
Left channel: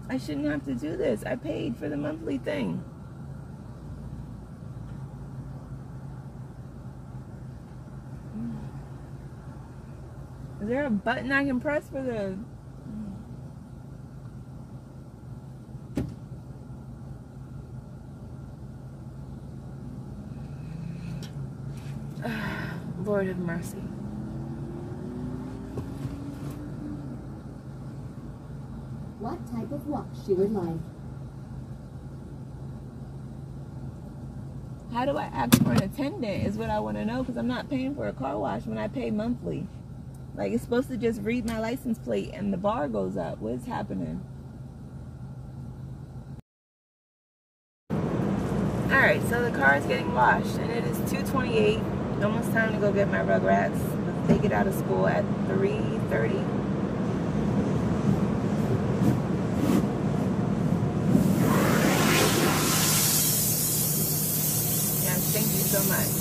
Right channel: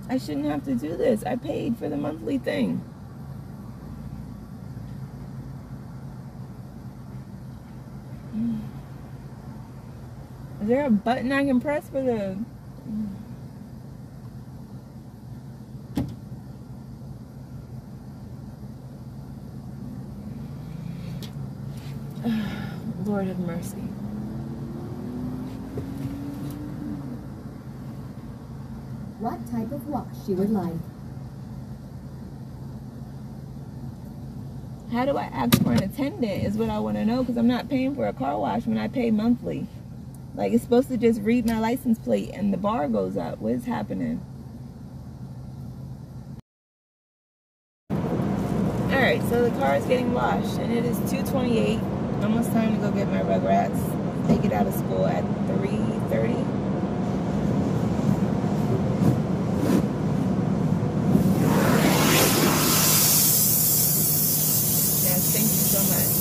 I shouldn't have to do this. I paid for the monthly thing. Is there a button I can press for the... Lord have mercy. What type of watch she would like? How do I ask for an attendant is what I want to know, because I'm not paying for a car wash when I pay monthly. Like, it's supposed to just read my license plate and the bar goes up. What is happening? Alright, so the car is getting washed and it is 2:28. Almost time to go get my Rugrats. They get out of school at 3:30. Yes, thank you so much.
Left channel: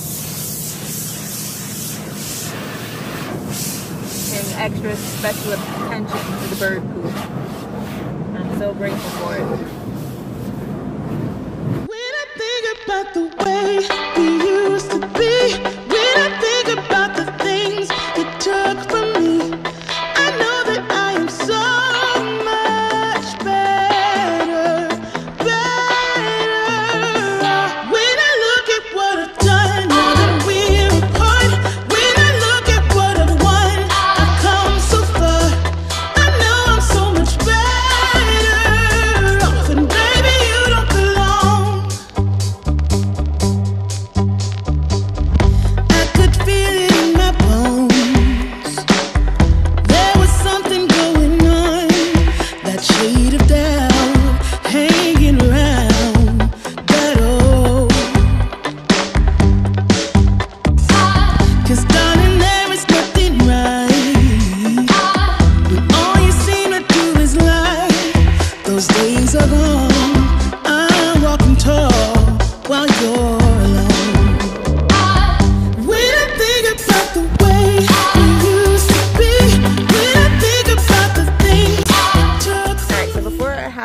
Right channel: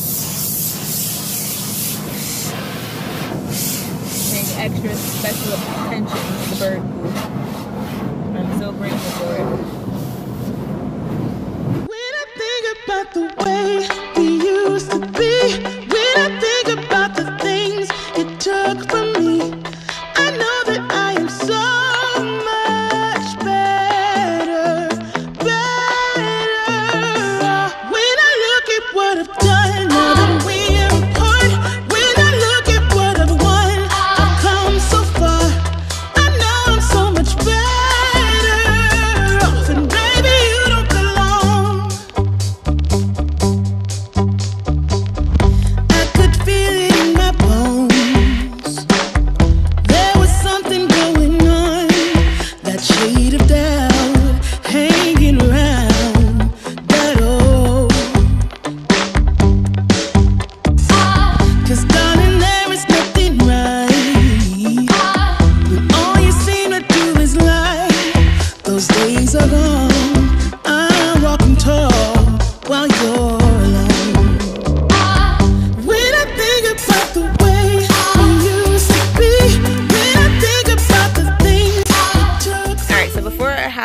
Paying extra special attention to the bird poop. I'm so grateful for it. About the way we used to be, when I think about the things you took from me, I know that I am so much better. When I look at what I've done, now that we're apart, when I look at what I've won, I've come so far. I know I'm so much better off, and baby, you don't belong.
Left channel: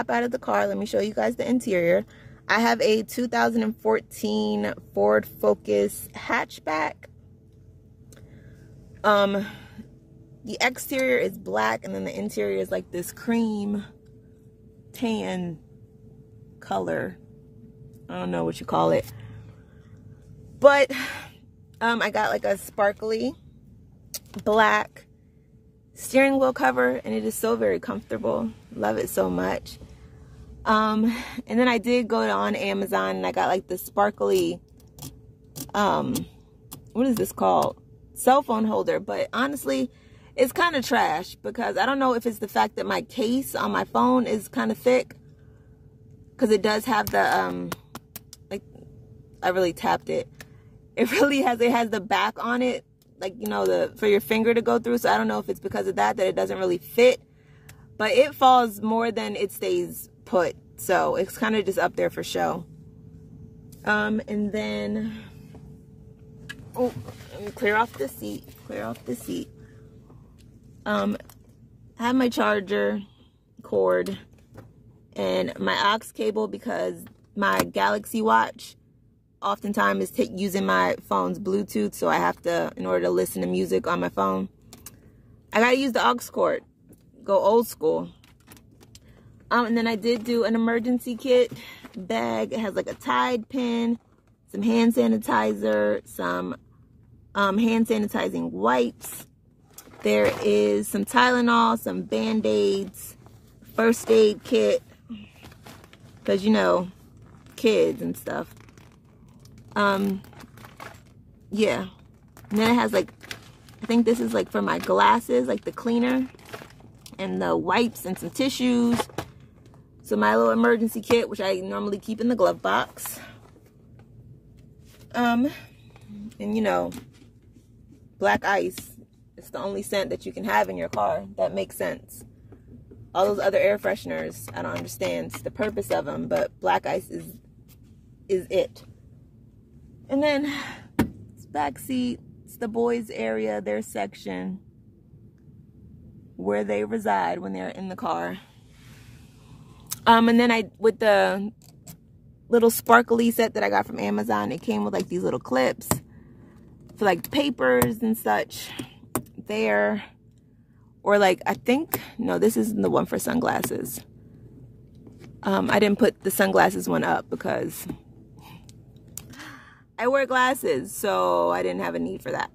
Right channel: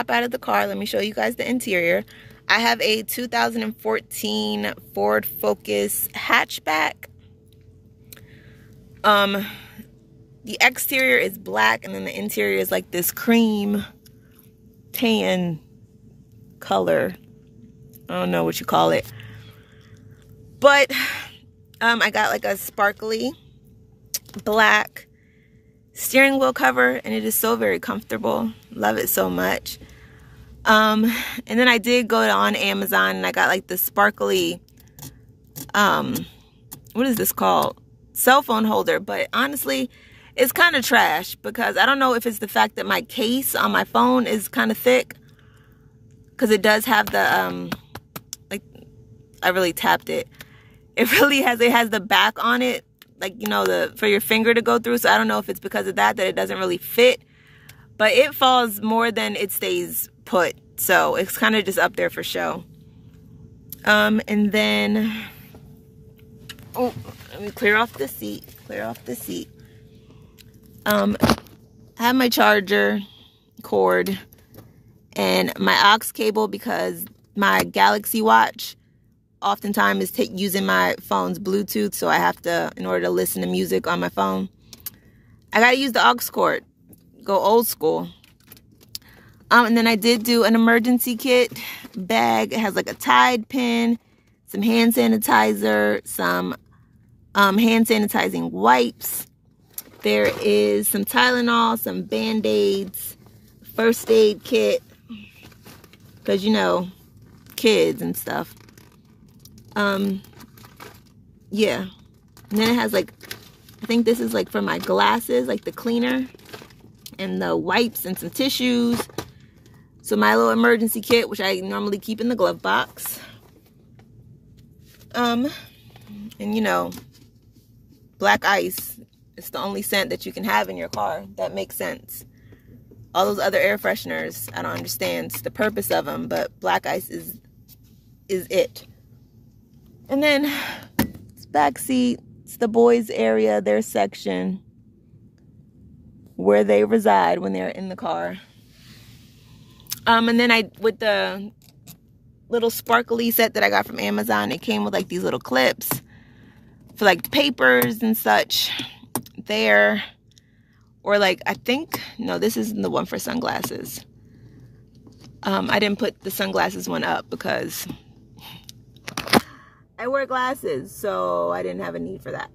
Out of the car, let me show you guys the interior. I have a 2014 Ford Focus hatchback. The exterior is black and then the interior is like this cream tan color. I don't know what you call it, but I got like a sparkly black steering wheel cover and it is so very comfortable. Love it so much. And then I did go on Amazon and I got like the sparkly, what is this called? Cell phone holder. But honestly, it's kind of trash because I don't know if it's the fact that my case on my phone is kind of thick. Because it does have the, like, I really tapped it. It really has, it has the back on it. Like, you know, for your finger to go through. So I don't know if it's because of that it doesn't really fit. But it falls more than it stays put, so it's kind of just up there for show. And then, oh, let me clear off the seat. I have my charger cord and my aux cable because my Galaxy Watch oftentimes is using my phone's Bluetooth, so I have to, in order to listen to music on my phone, I gotta use the aux cord. Go old school. And then I did do an emergency kit bag. It has like a Tide pen, some hand sanitizer, some hand sanitizing wipes. There is some Tylenol, some Band-Aids, first aid kit, because you know, kids and stuff. Yeah. And then it has like, I think this is like for my glasses, like the cleaner and the wipes and some tissues. So my little emergency kit, which I normally keep in the glove box. And you know, black ice, it's the only scent that you can have in your car. That makes sense. All those other air fresheners, I don't understand the purpose of them, but black ice is it. And then it's back seat. It's the boys area, their section where they reside when they're in the car. And then with the little sparkly set that I got from Amazon, it came with like these little clips for like papers and such there. Or like, I think, no, this isn't the one for sunglasses. I didn't put the sunglasses one up because I wear glasses, so I didn't have a need for that.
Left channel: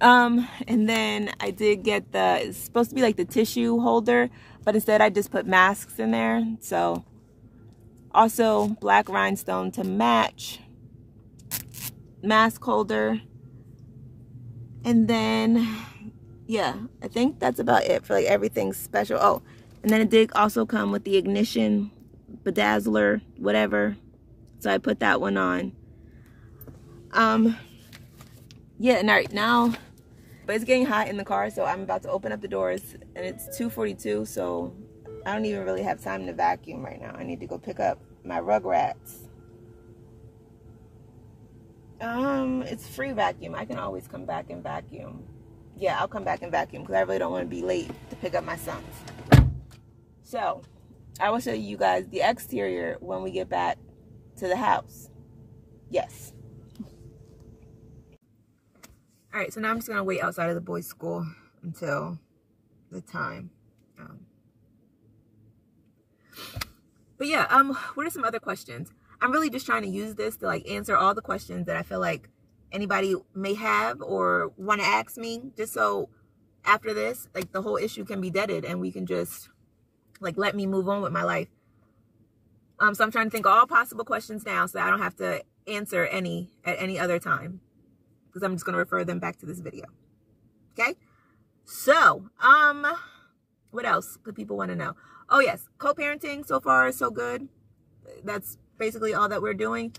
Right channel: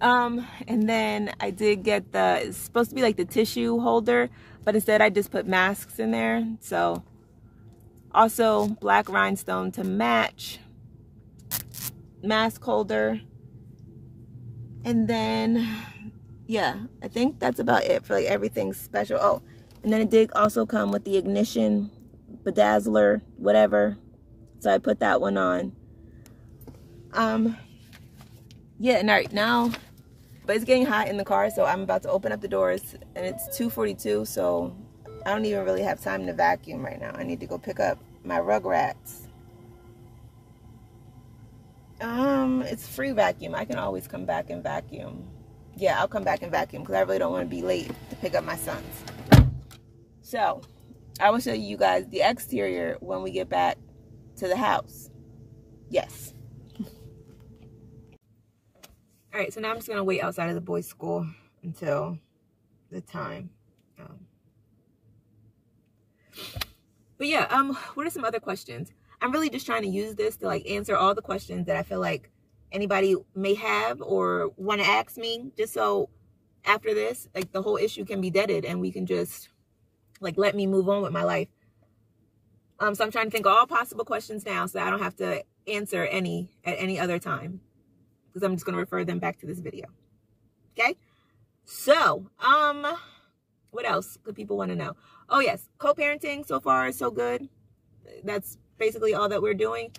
And then I did get it's supposed to be like the tissue holder, but instead I just put masks in there. So also black rhinestone to match. mask holder. And then, yeah, I think that's about it for like everything special. Oh, and then it did also come with the ignition bedazzler, whatever. So I put that one on. Yeah, and right now, but it's getting hot in the car, so I'm about to open up the doors, and it's 2:42, so I don't even really have time to vacuum right now. I need to go pick up my Rugrats. It's free vacuum. I can always come back and vacuum. Yeah, I'll come back and vacuum because I really don't want to be late to pick up my sons. So, I will show you guys the exterior when we get back to the house. Yes. All right, so now I'm just going to wait outside of the boys' school until the time. But yeah, what are some other questions? I'm really just trying to use this to like answer all the questions that I feel like anybody may have or want to ask me, just so after this, like the whole issue can be deaded and we can just like let me move on with my life. So I'm trying to think of all possible questions now so that I don't have to answer any at any other time, because I'm just going to refer them back to this video. Okay? So, what else could people want to know? Oh yes, co-parenting so far is so good. That's basically all that we're doing.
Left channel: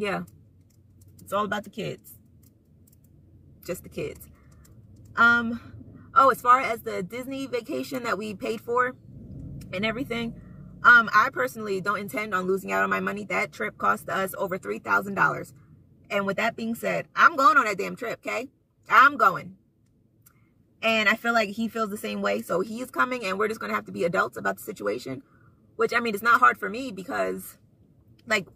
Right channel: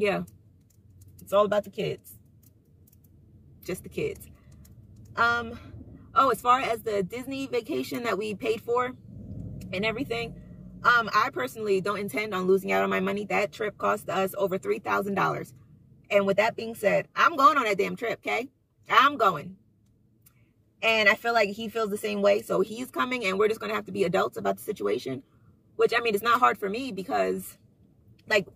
Yeah, it's all about the kids. Just the kids. Oh, as far as the Disney vacation that we paid for and everything, I personally don't intend on losing out on my money. That trip cost us over $3,000. And with that being said, I'm going on that damn trip, okay? I'm going. And I feel like he feels the same way. So he's coming and we're just going to have to be adults about the situation. Which, I mean, it's not hard for me because, like,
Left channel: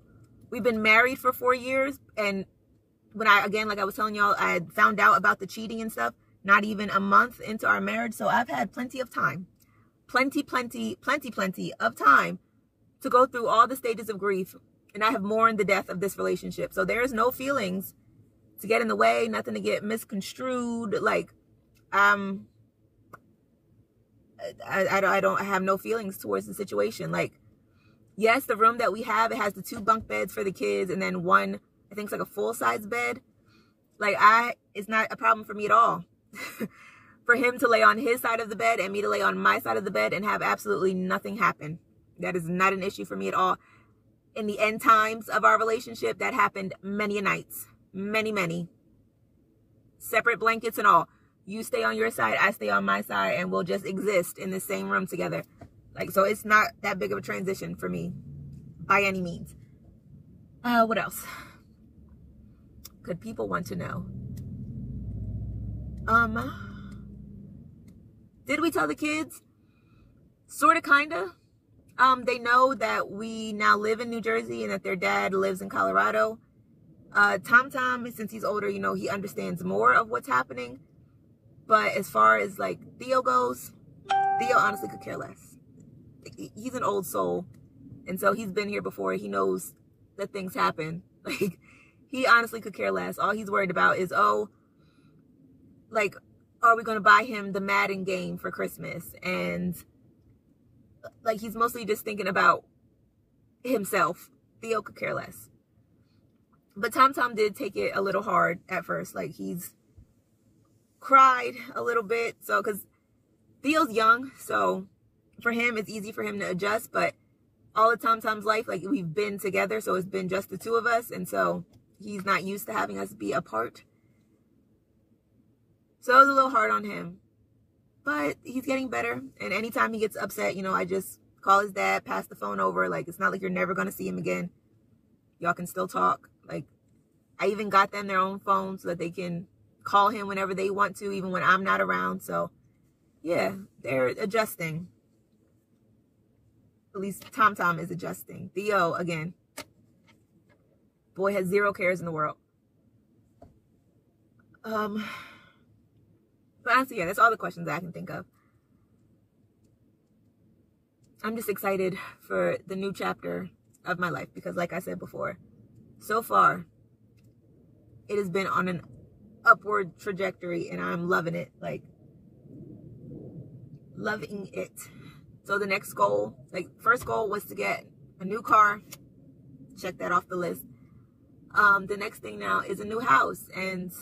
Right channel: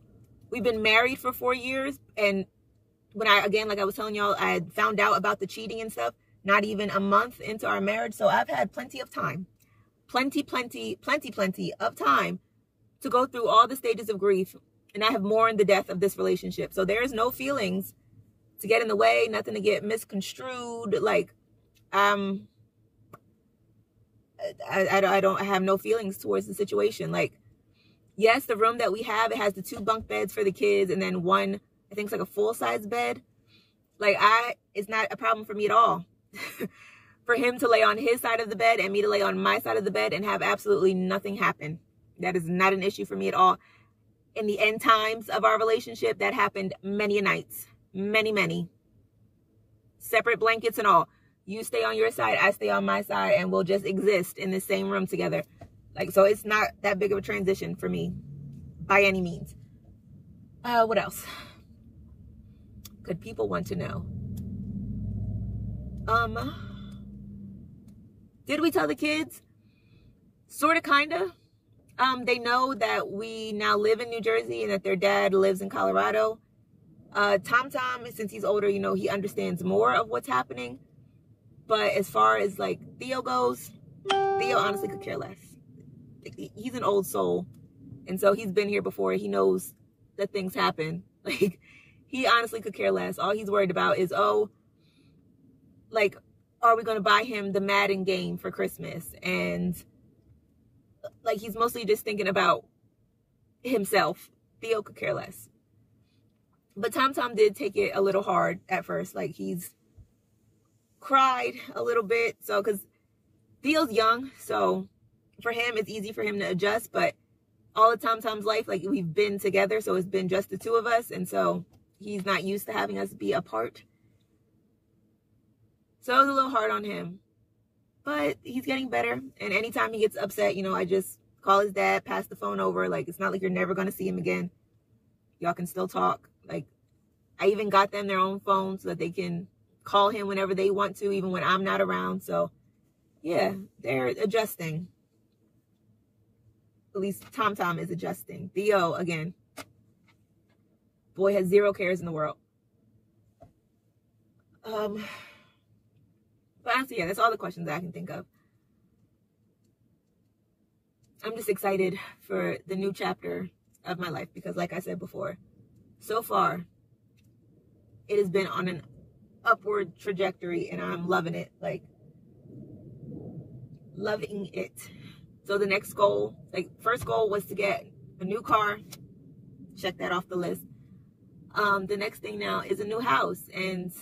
we've been married for 4 years. And when like I was telling y'all, I had found out about the cheating and stuff not even a month into our marriage. So I've had plenty of time. Plenty of time to go through all the stages of grief. And I have mourned the death of this relationship. So there's no feelings to get in the way, nothing to get misconstrued. Like, I don't have no feelings towards the situation. Like, yes, the room that we have, it has the 2 bunk beds for the kids and then one, I think it's like a full-size bed. Like, it's not a problem for me at all. For him to lay on his side of the bed and me to lay on my side of the bed and have absolutely nothing happen. That is not an issue for me at all. In the end times of our relationship, that happened many nights. Many. Separate blankets and all. You stay on your side, I stay on my side, and we'll just exist in the same room together. Like, so it's not that big of a transition for me by any means. What else could people want to know? Did we tell the kids? Sort of, kind of. They know that we now live in New Jersey and that their dad lives in Colorado. Tom, since he's older, you know, he understands more of what's happening. But as far as, like, Theo goes, Theo honestly could care less. He's an old soul. And so he's been here before. He knows that things happen. Like, he honestly could care less. All he's worried about is, oh, like, are we going to buy him the Madden game for Christmas? And, like, he's mostly just thinking about himself. Theo could care less. But Tom did take it a little hard at first. Like, he's cried a little bit. So, because Theo's young. So, for him, it's easy for him to adjust. But all of Tom's life, like, we've been together. So, it's been just the 2 of us. And so, he's not used to having us be apart. So, it was a little hard on him. But he's getting better. And anytime he gets upset, you know, I just call his dad, pass the phone over. Like, it's not like you're never going to see him again. Y'all can still talk. Like, I even got them their own phone so that they can call him whenever they want to, even when I'm not around. So, yeah, they're adjusting. At least Tom is adjusting. Theo, again, boy has 0 cares in the world. But honestly, yeah, that's all the questions that I can think of. I'm just excited for the new chapter of my life because, like I said before, so far, it has been on an upward trajectory and I'm loving it. Like, loving it. So the next goal, like, first goal was to get a new car. check that off the list. The next thing now is a new house, and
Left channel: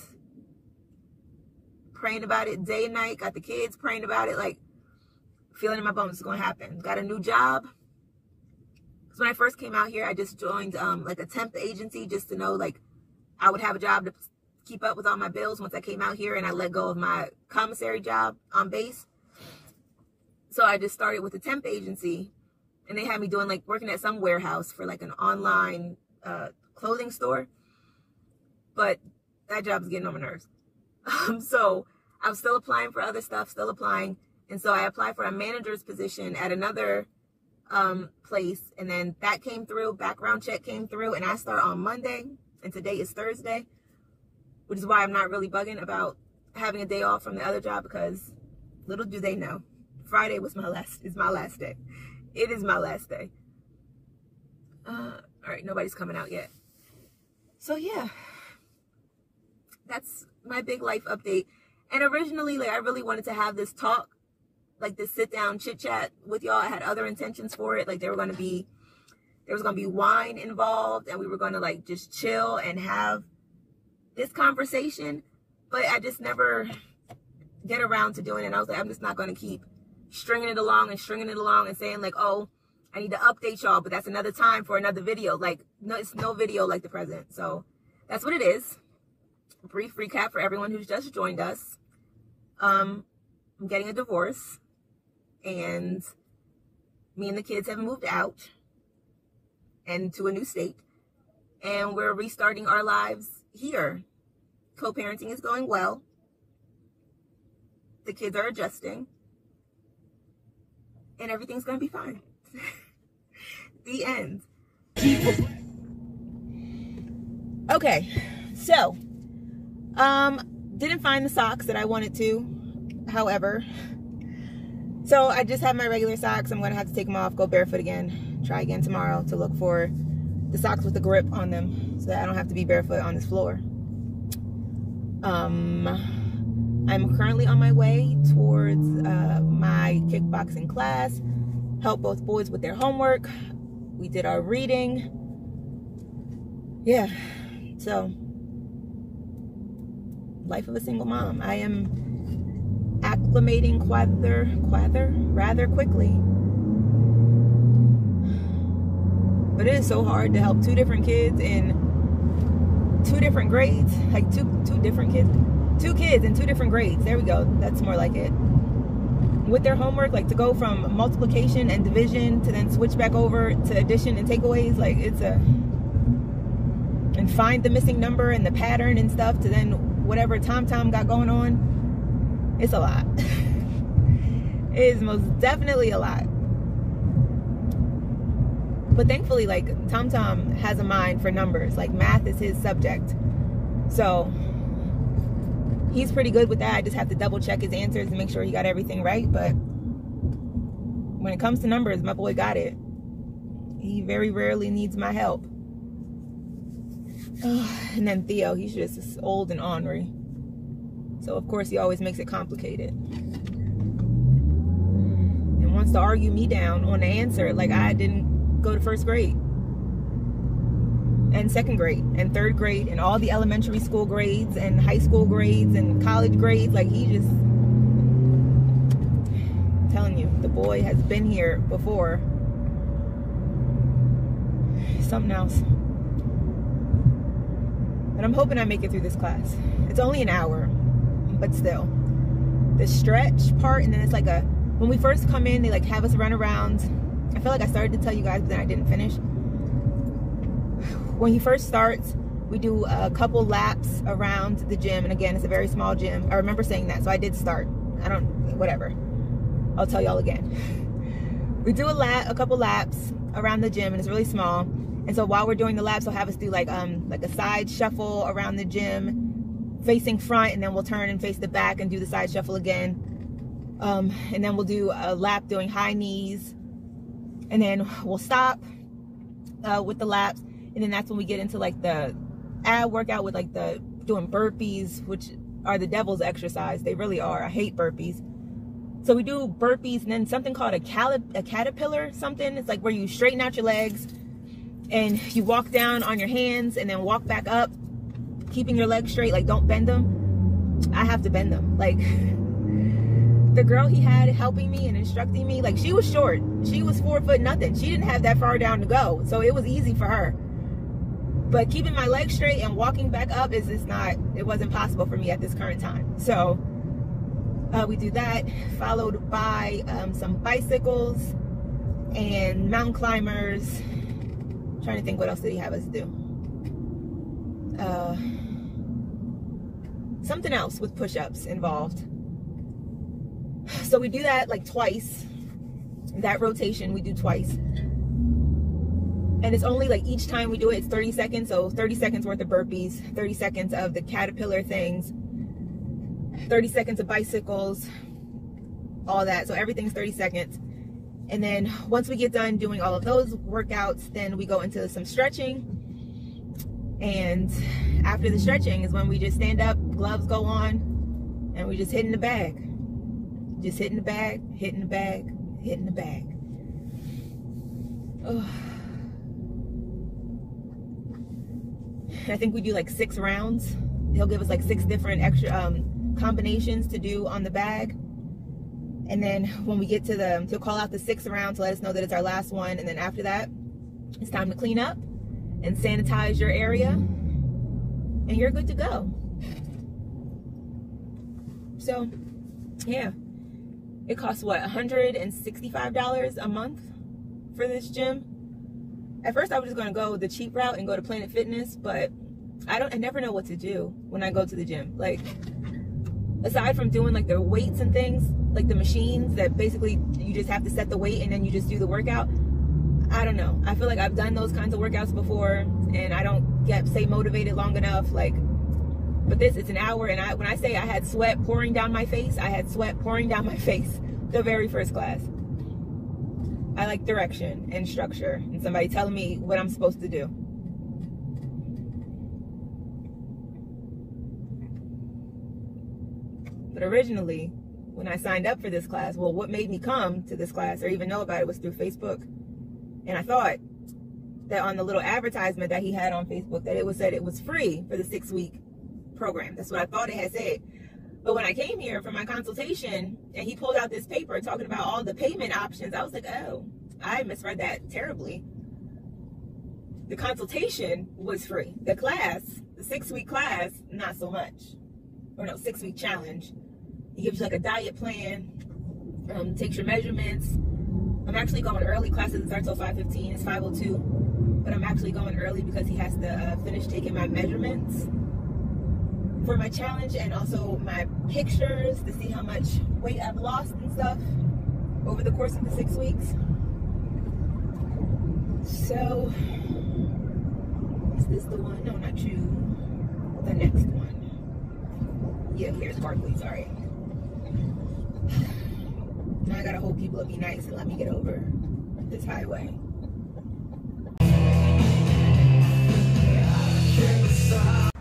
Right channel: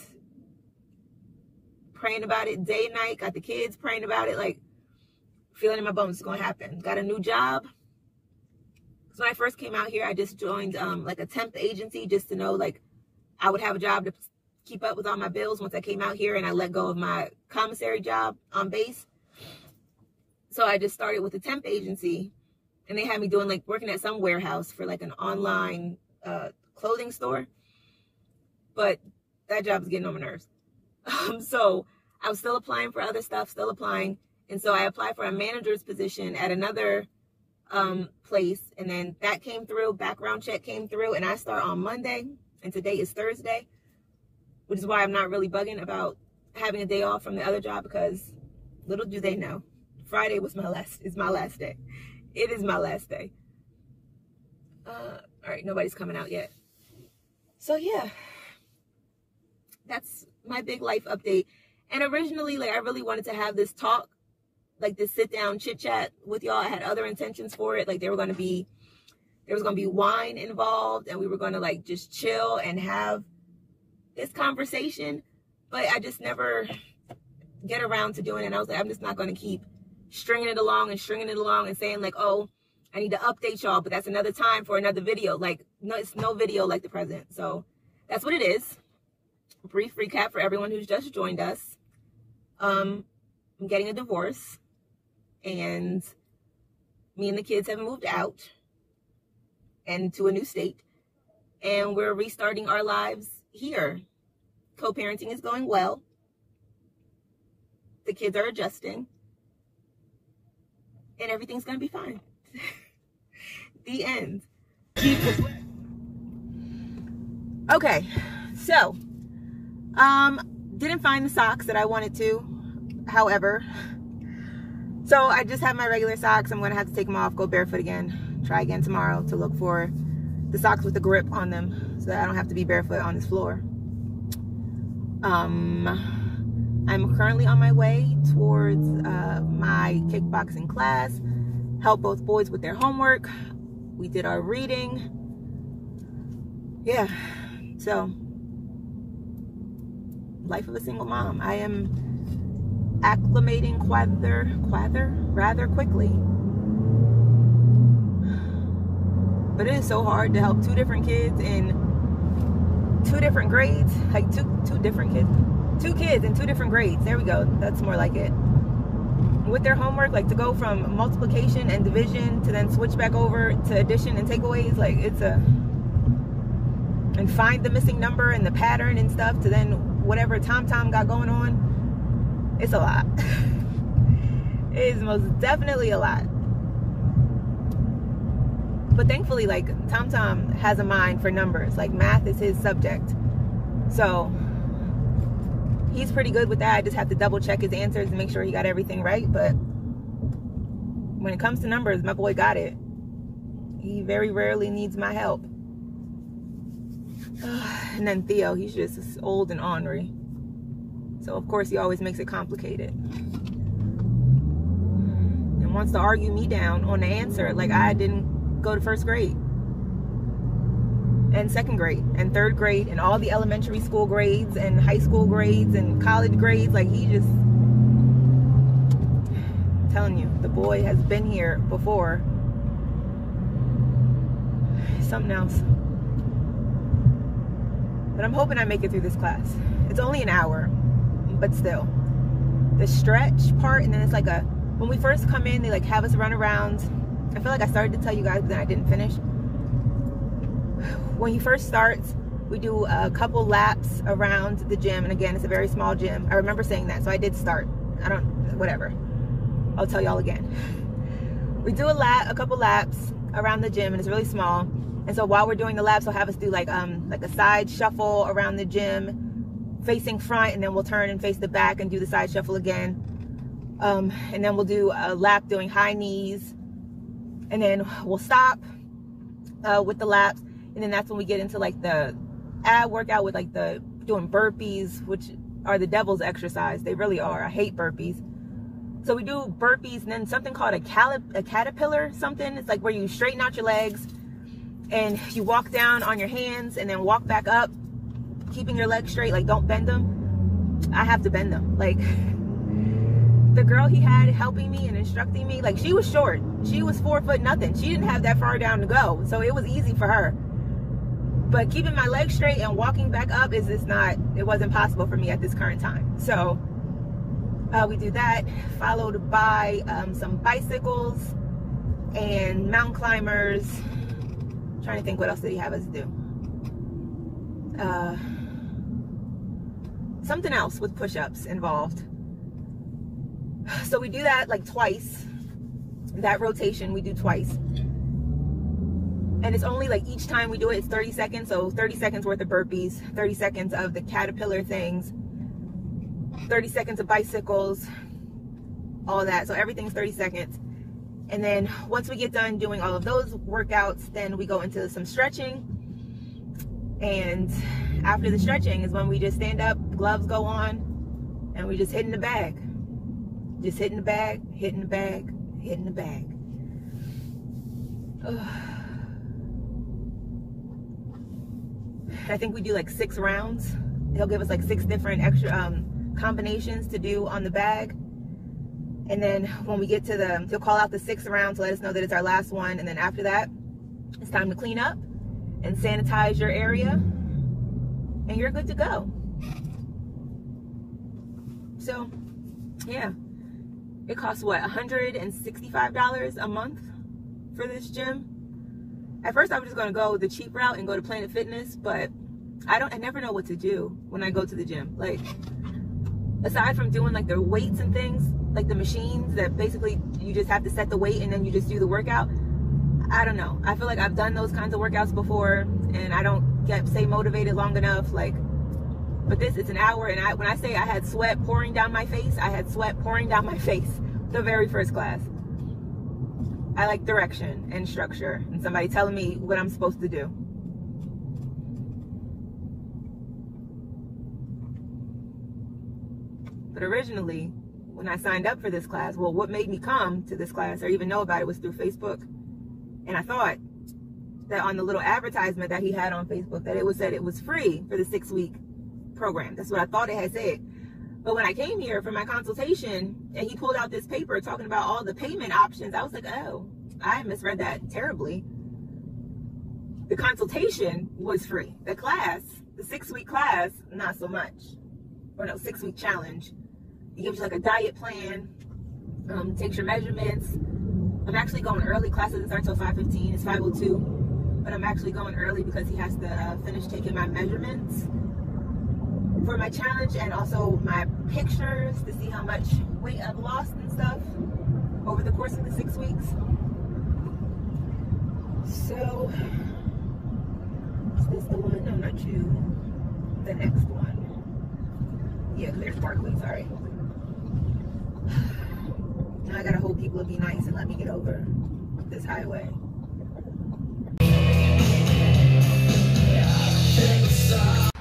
praying about it day and night. Got the kids praying about it, like feeling in my bones it's gonna happen. Got a new job. Because when I first came out here, I just joined like a temp agency just to know like I would have a job to keep up with all my bills once I came out here, and I let go of my commissary job on base. So I just started with a temp agency, and they had me doing like working at some warehouse for like an online clothing store. But that job was getting on my nerves. So I was still applying for other stuff, still applying. And so I applied for a manager's position at another place. And then that came through, background check came through, and I start on Monday. And today is Thursday, which is why I'm not really bugging about having a day off from the other job, because little do they know, Friday is my last day. It is my last day. All right, nobody's coming out yet. So yeah, that's my big life update. And originally, like, I really wanted to have this talk, like this sit down chit chat with y'all. I had other intentions for it. Like there was going to be wine involved, and we were going to like just chill and have this conversation. But I just never get around to doing it. And I was like, I'm just not going to keep stringing it along and saying like, oh, I need to update y'all, but that's another time for another video. Like, no, it's no video like the present. So that's what it is. Brief recap for everyone who's just joined us. I'm getting a divorce, and me and the kids have moved out and to a new state, and we're restarting our lives here. Co-parenting is going well. The kids are adjusting, and everything's gonna be fine. The end. Okay, so didn't find the socks that I wanted to, however, so I just have my regular socks. I'm gonna have to take them off, go barefoot again, try again tomorrow to look for the socks with the grip on them so that I don't have to be barefoot on this floor. I'm currently on my way towards my kickboxing class, help both boys with their homework. We did our reading. Yeah, so life of a single mom. I am acclimating rather quickly. But it is so hard to help two different kids in two different grades, like two kids in two different grades. There we go. That's more like it. With their homework, like to go from multiplication and division to then switch back over to addition and takeaways, like and find the missing number and the pattern and stuff to then whatever Tom got going on. It's a lot. It is most definitely a lot. But thankfully, like, Tom has a mind for numbers. Like, math is his subject. So he's pretty good with that. I just have to double check his answers and make sure he got everything right. But when it comes to numbers, my boy got it. He very rarely needs my help. And then Theo, he's just old and ornery. So of course he always makes it complicated. And wants to argue me down on the answer like I didn't go to first grade. And second grade and third grade and all the elementary school grades and high school grades and college grades. Like, he just, I'm telling you, the boy has been here before. He's something else. But I'm hoping I make it through this class. It's only an hour, but still. The stretch part, and then it's like when we first come in, they like have us run around. I feel like I started to tell you guys, but then I didn't finish. When he first starts, we do a couple laps around the gym. And again, it's a very small gym. I remember saying that, so I did start. Whatever. I'll tell y'all again. We do a couple laps around the gym, and it's really small. And so while we're doing the laps, they'll have us do like a side shuffle around the gym, facing front, and then we'll turn and face the back and do the side shuffle again. And then we'll do a lap doing high knees, and then we'll stop with the laps. And then that's when we get into like the ab workout with like the doing burpees, which are the devil's exercise. They really are. I hate burpees. So we do burpees and then something called a caterpillar something. It's like where you straighten out your legs and you walk down on your hands and then walk back up, keeping your legs straight, like don't bend them. I have to bend them. Like the girl he had helping me and instructing me, like she was short. She was 4 foot nothing. She didn't have that far down to go. So it was easy for her. But keeping my legs straight and walking back up it wasn't possible for me at this current time. So we do that, followed by some bicycles and mountain climbers. I'm trying to think what else did he have us do. Something else with push-ups involved. So we do that like twice. That rotation we do twice. And it's only like each time we do it, it's 30 seconds. So 30 seconds worth of burpees, 30 seconds of the caterpillar things, 30 seconds of bicycles, all that. So everything's 30 seconds. And then once we get done doing all of those workouts, then we go into some stretching. And after the stretching is when we just stand up, gloves go on, and we just hit in the bag. Just hitting the bag, hitting the bag, hitting the bag. Ugh. I think we do like 6 rounds. He'll give us like 6 different extra combinations to do on the bag. And then when we get to he'll call out the 6th round to let us know that it's our last one. And then after that, it's time to clean up and sanitize your area. And you're good to go. So, yeah. It costs what, $165 a month for this gym? At first I was just gonna go the cheap route and go to Planet Fitness, but I never know what to do when I go to the gym. Like, aside from doing like their weights and things, like the machines that basically you just have to set the weight and then you just do the workout. I don't know. I feel like I've done those kinds of workouts before and I don't stay motivated long enough. Like, but this, it's an hour, and when I say I had sweat pouring down my face, I had sweat pouring down my face the very first class. I like direction and structure and somebody telling me what I'm supposed to do. But originally, when I signed up for this class, well, what made me come to this class or even know about it was through Facebook. And I thought that on the little advertisement that he had on Facebook that it said it was free for the 6-week program. That's what I thought it had said. But when I came here for my consultation and he pulled out this paper talking about all the payment options, I was like, oh, I misread that terribly. The consultation was free. The class, the 6-week class, not so much. Or no, 6-week challenge. He gives you like a diet plan, takes your measurements. I'm actually going early. Class doesn't start till 5:15. It's 5:02. But I'm actually going early because he has to finish taking my measurements for my challenge and also my pictures to see how much weight I've lost and stuff over the course of the 6 weeks. So, is this the one? No, not you. The next one. Yeah, here's Barkley, sorry. Now I gotta hope people will be nice and let me get over this highway.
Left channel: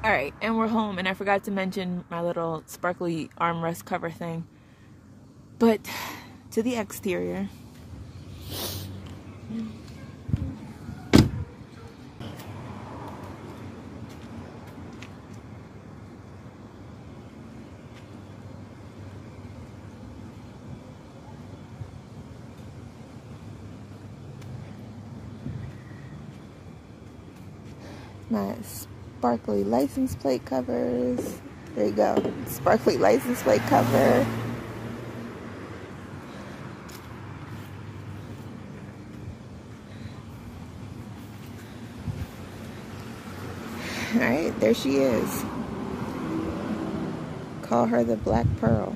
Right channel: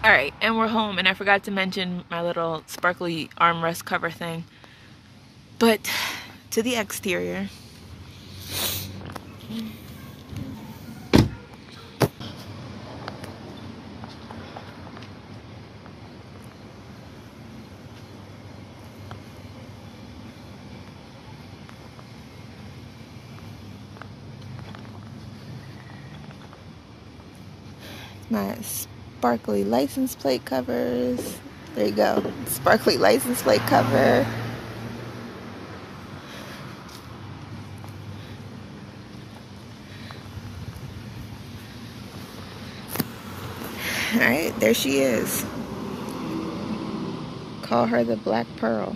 All right, and we're home, and I forgot to mention my little sparkly armrest cover thing. But to the exterior. My sparkly license plate covers. There you go. Sparkly license plate cover. All right, there she is. Call her the Black Pearl.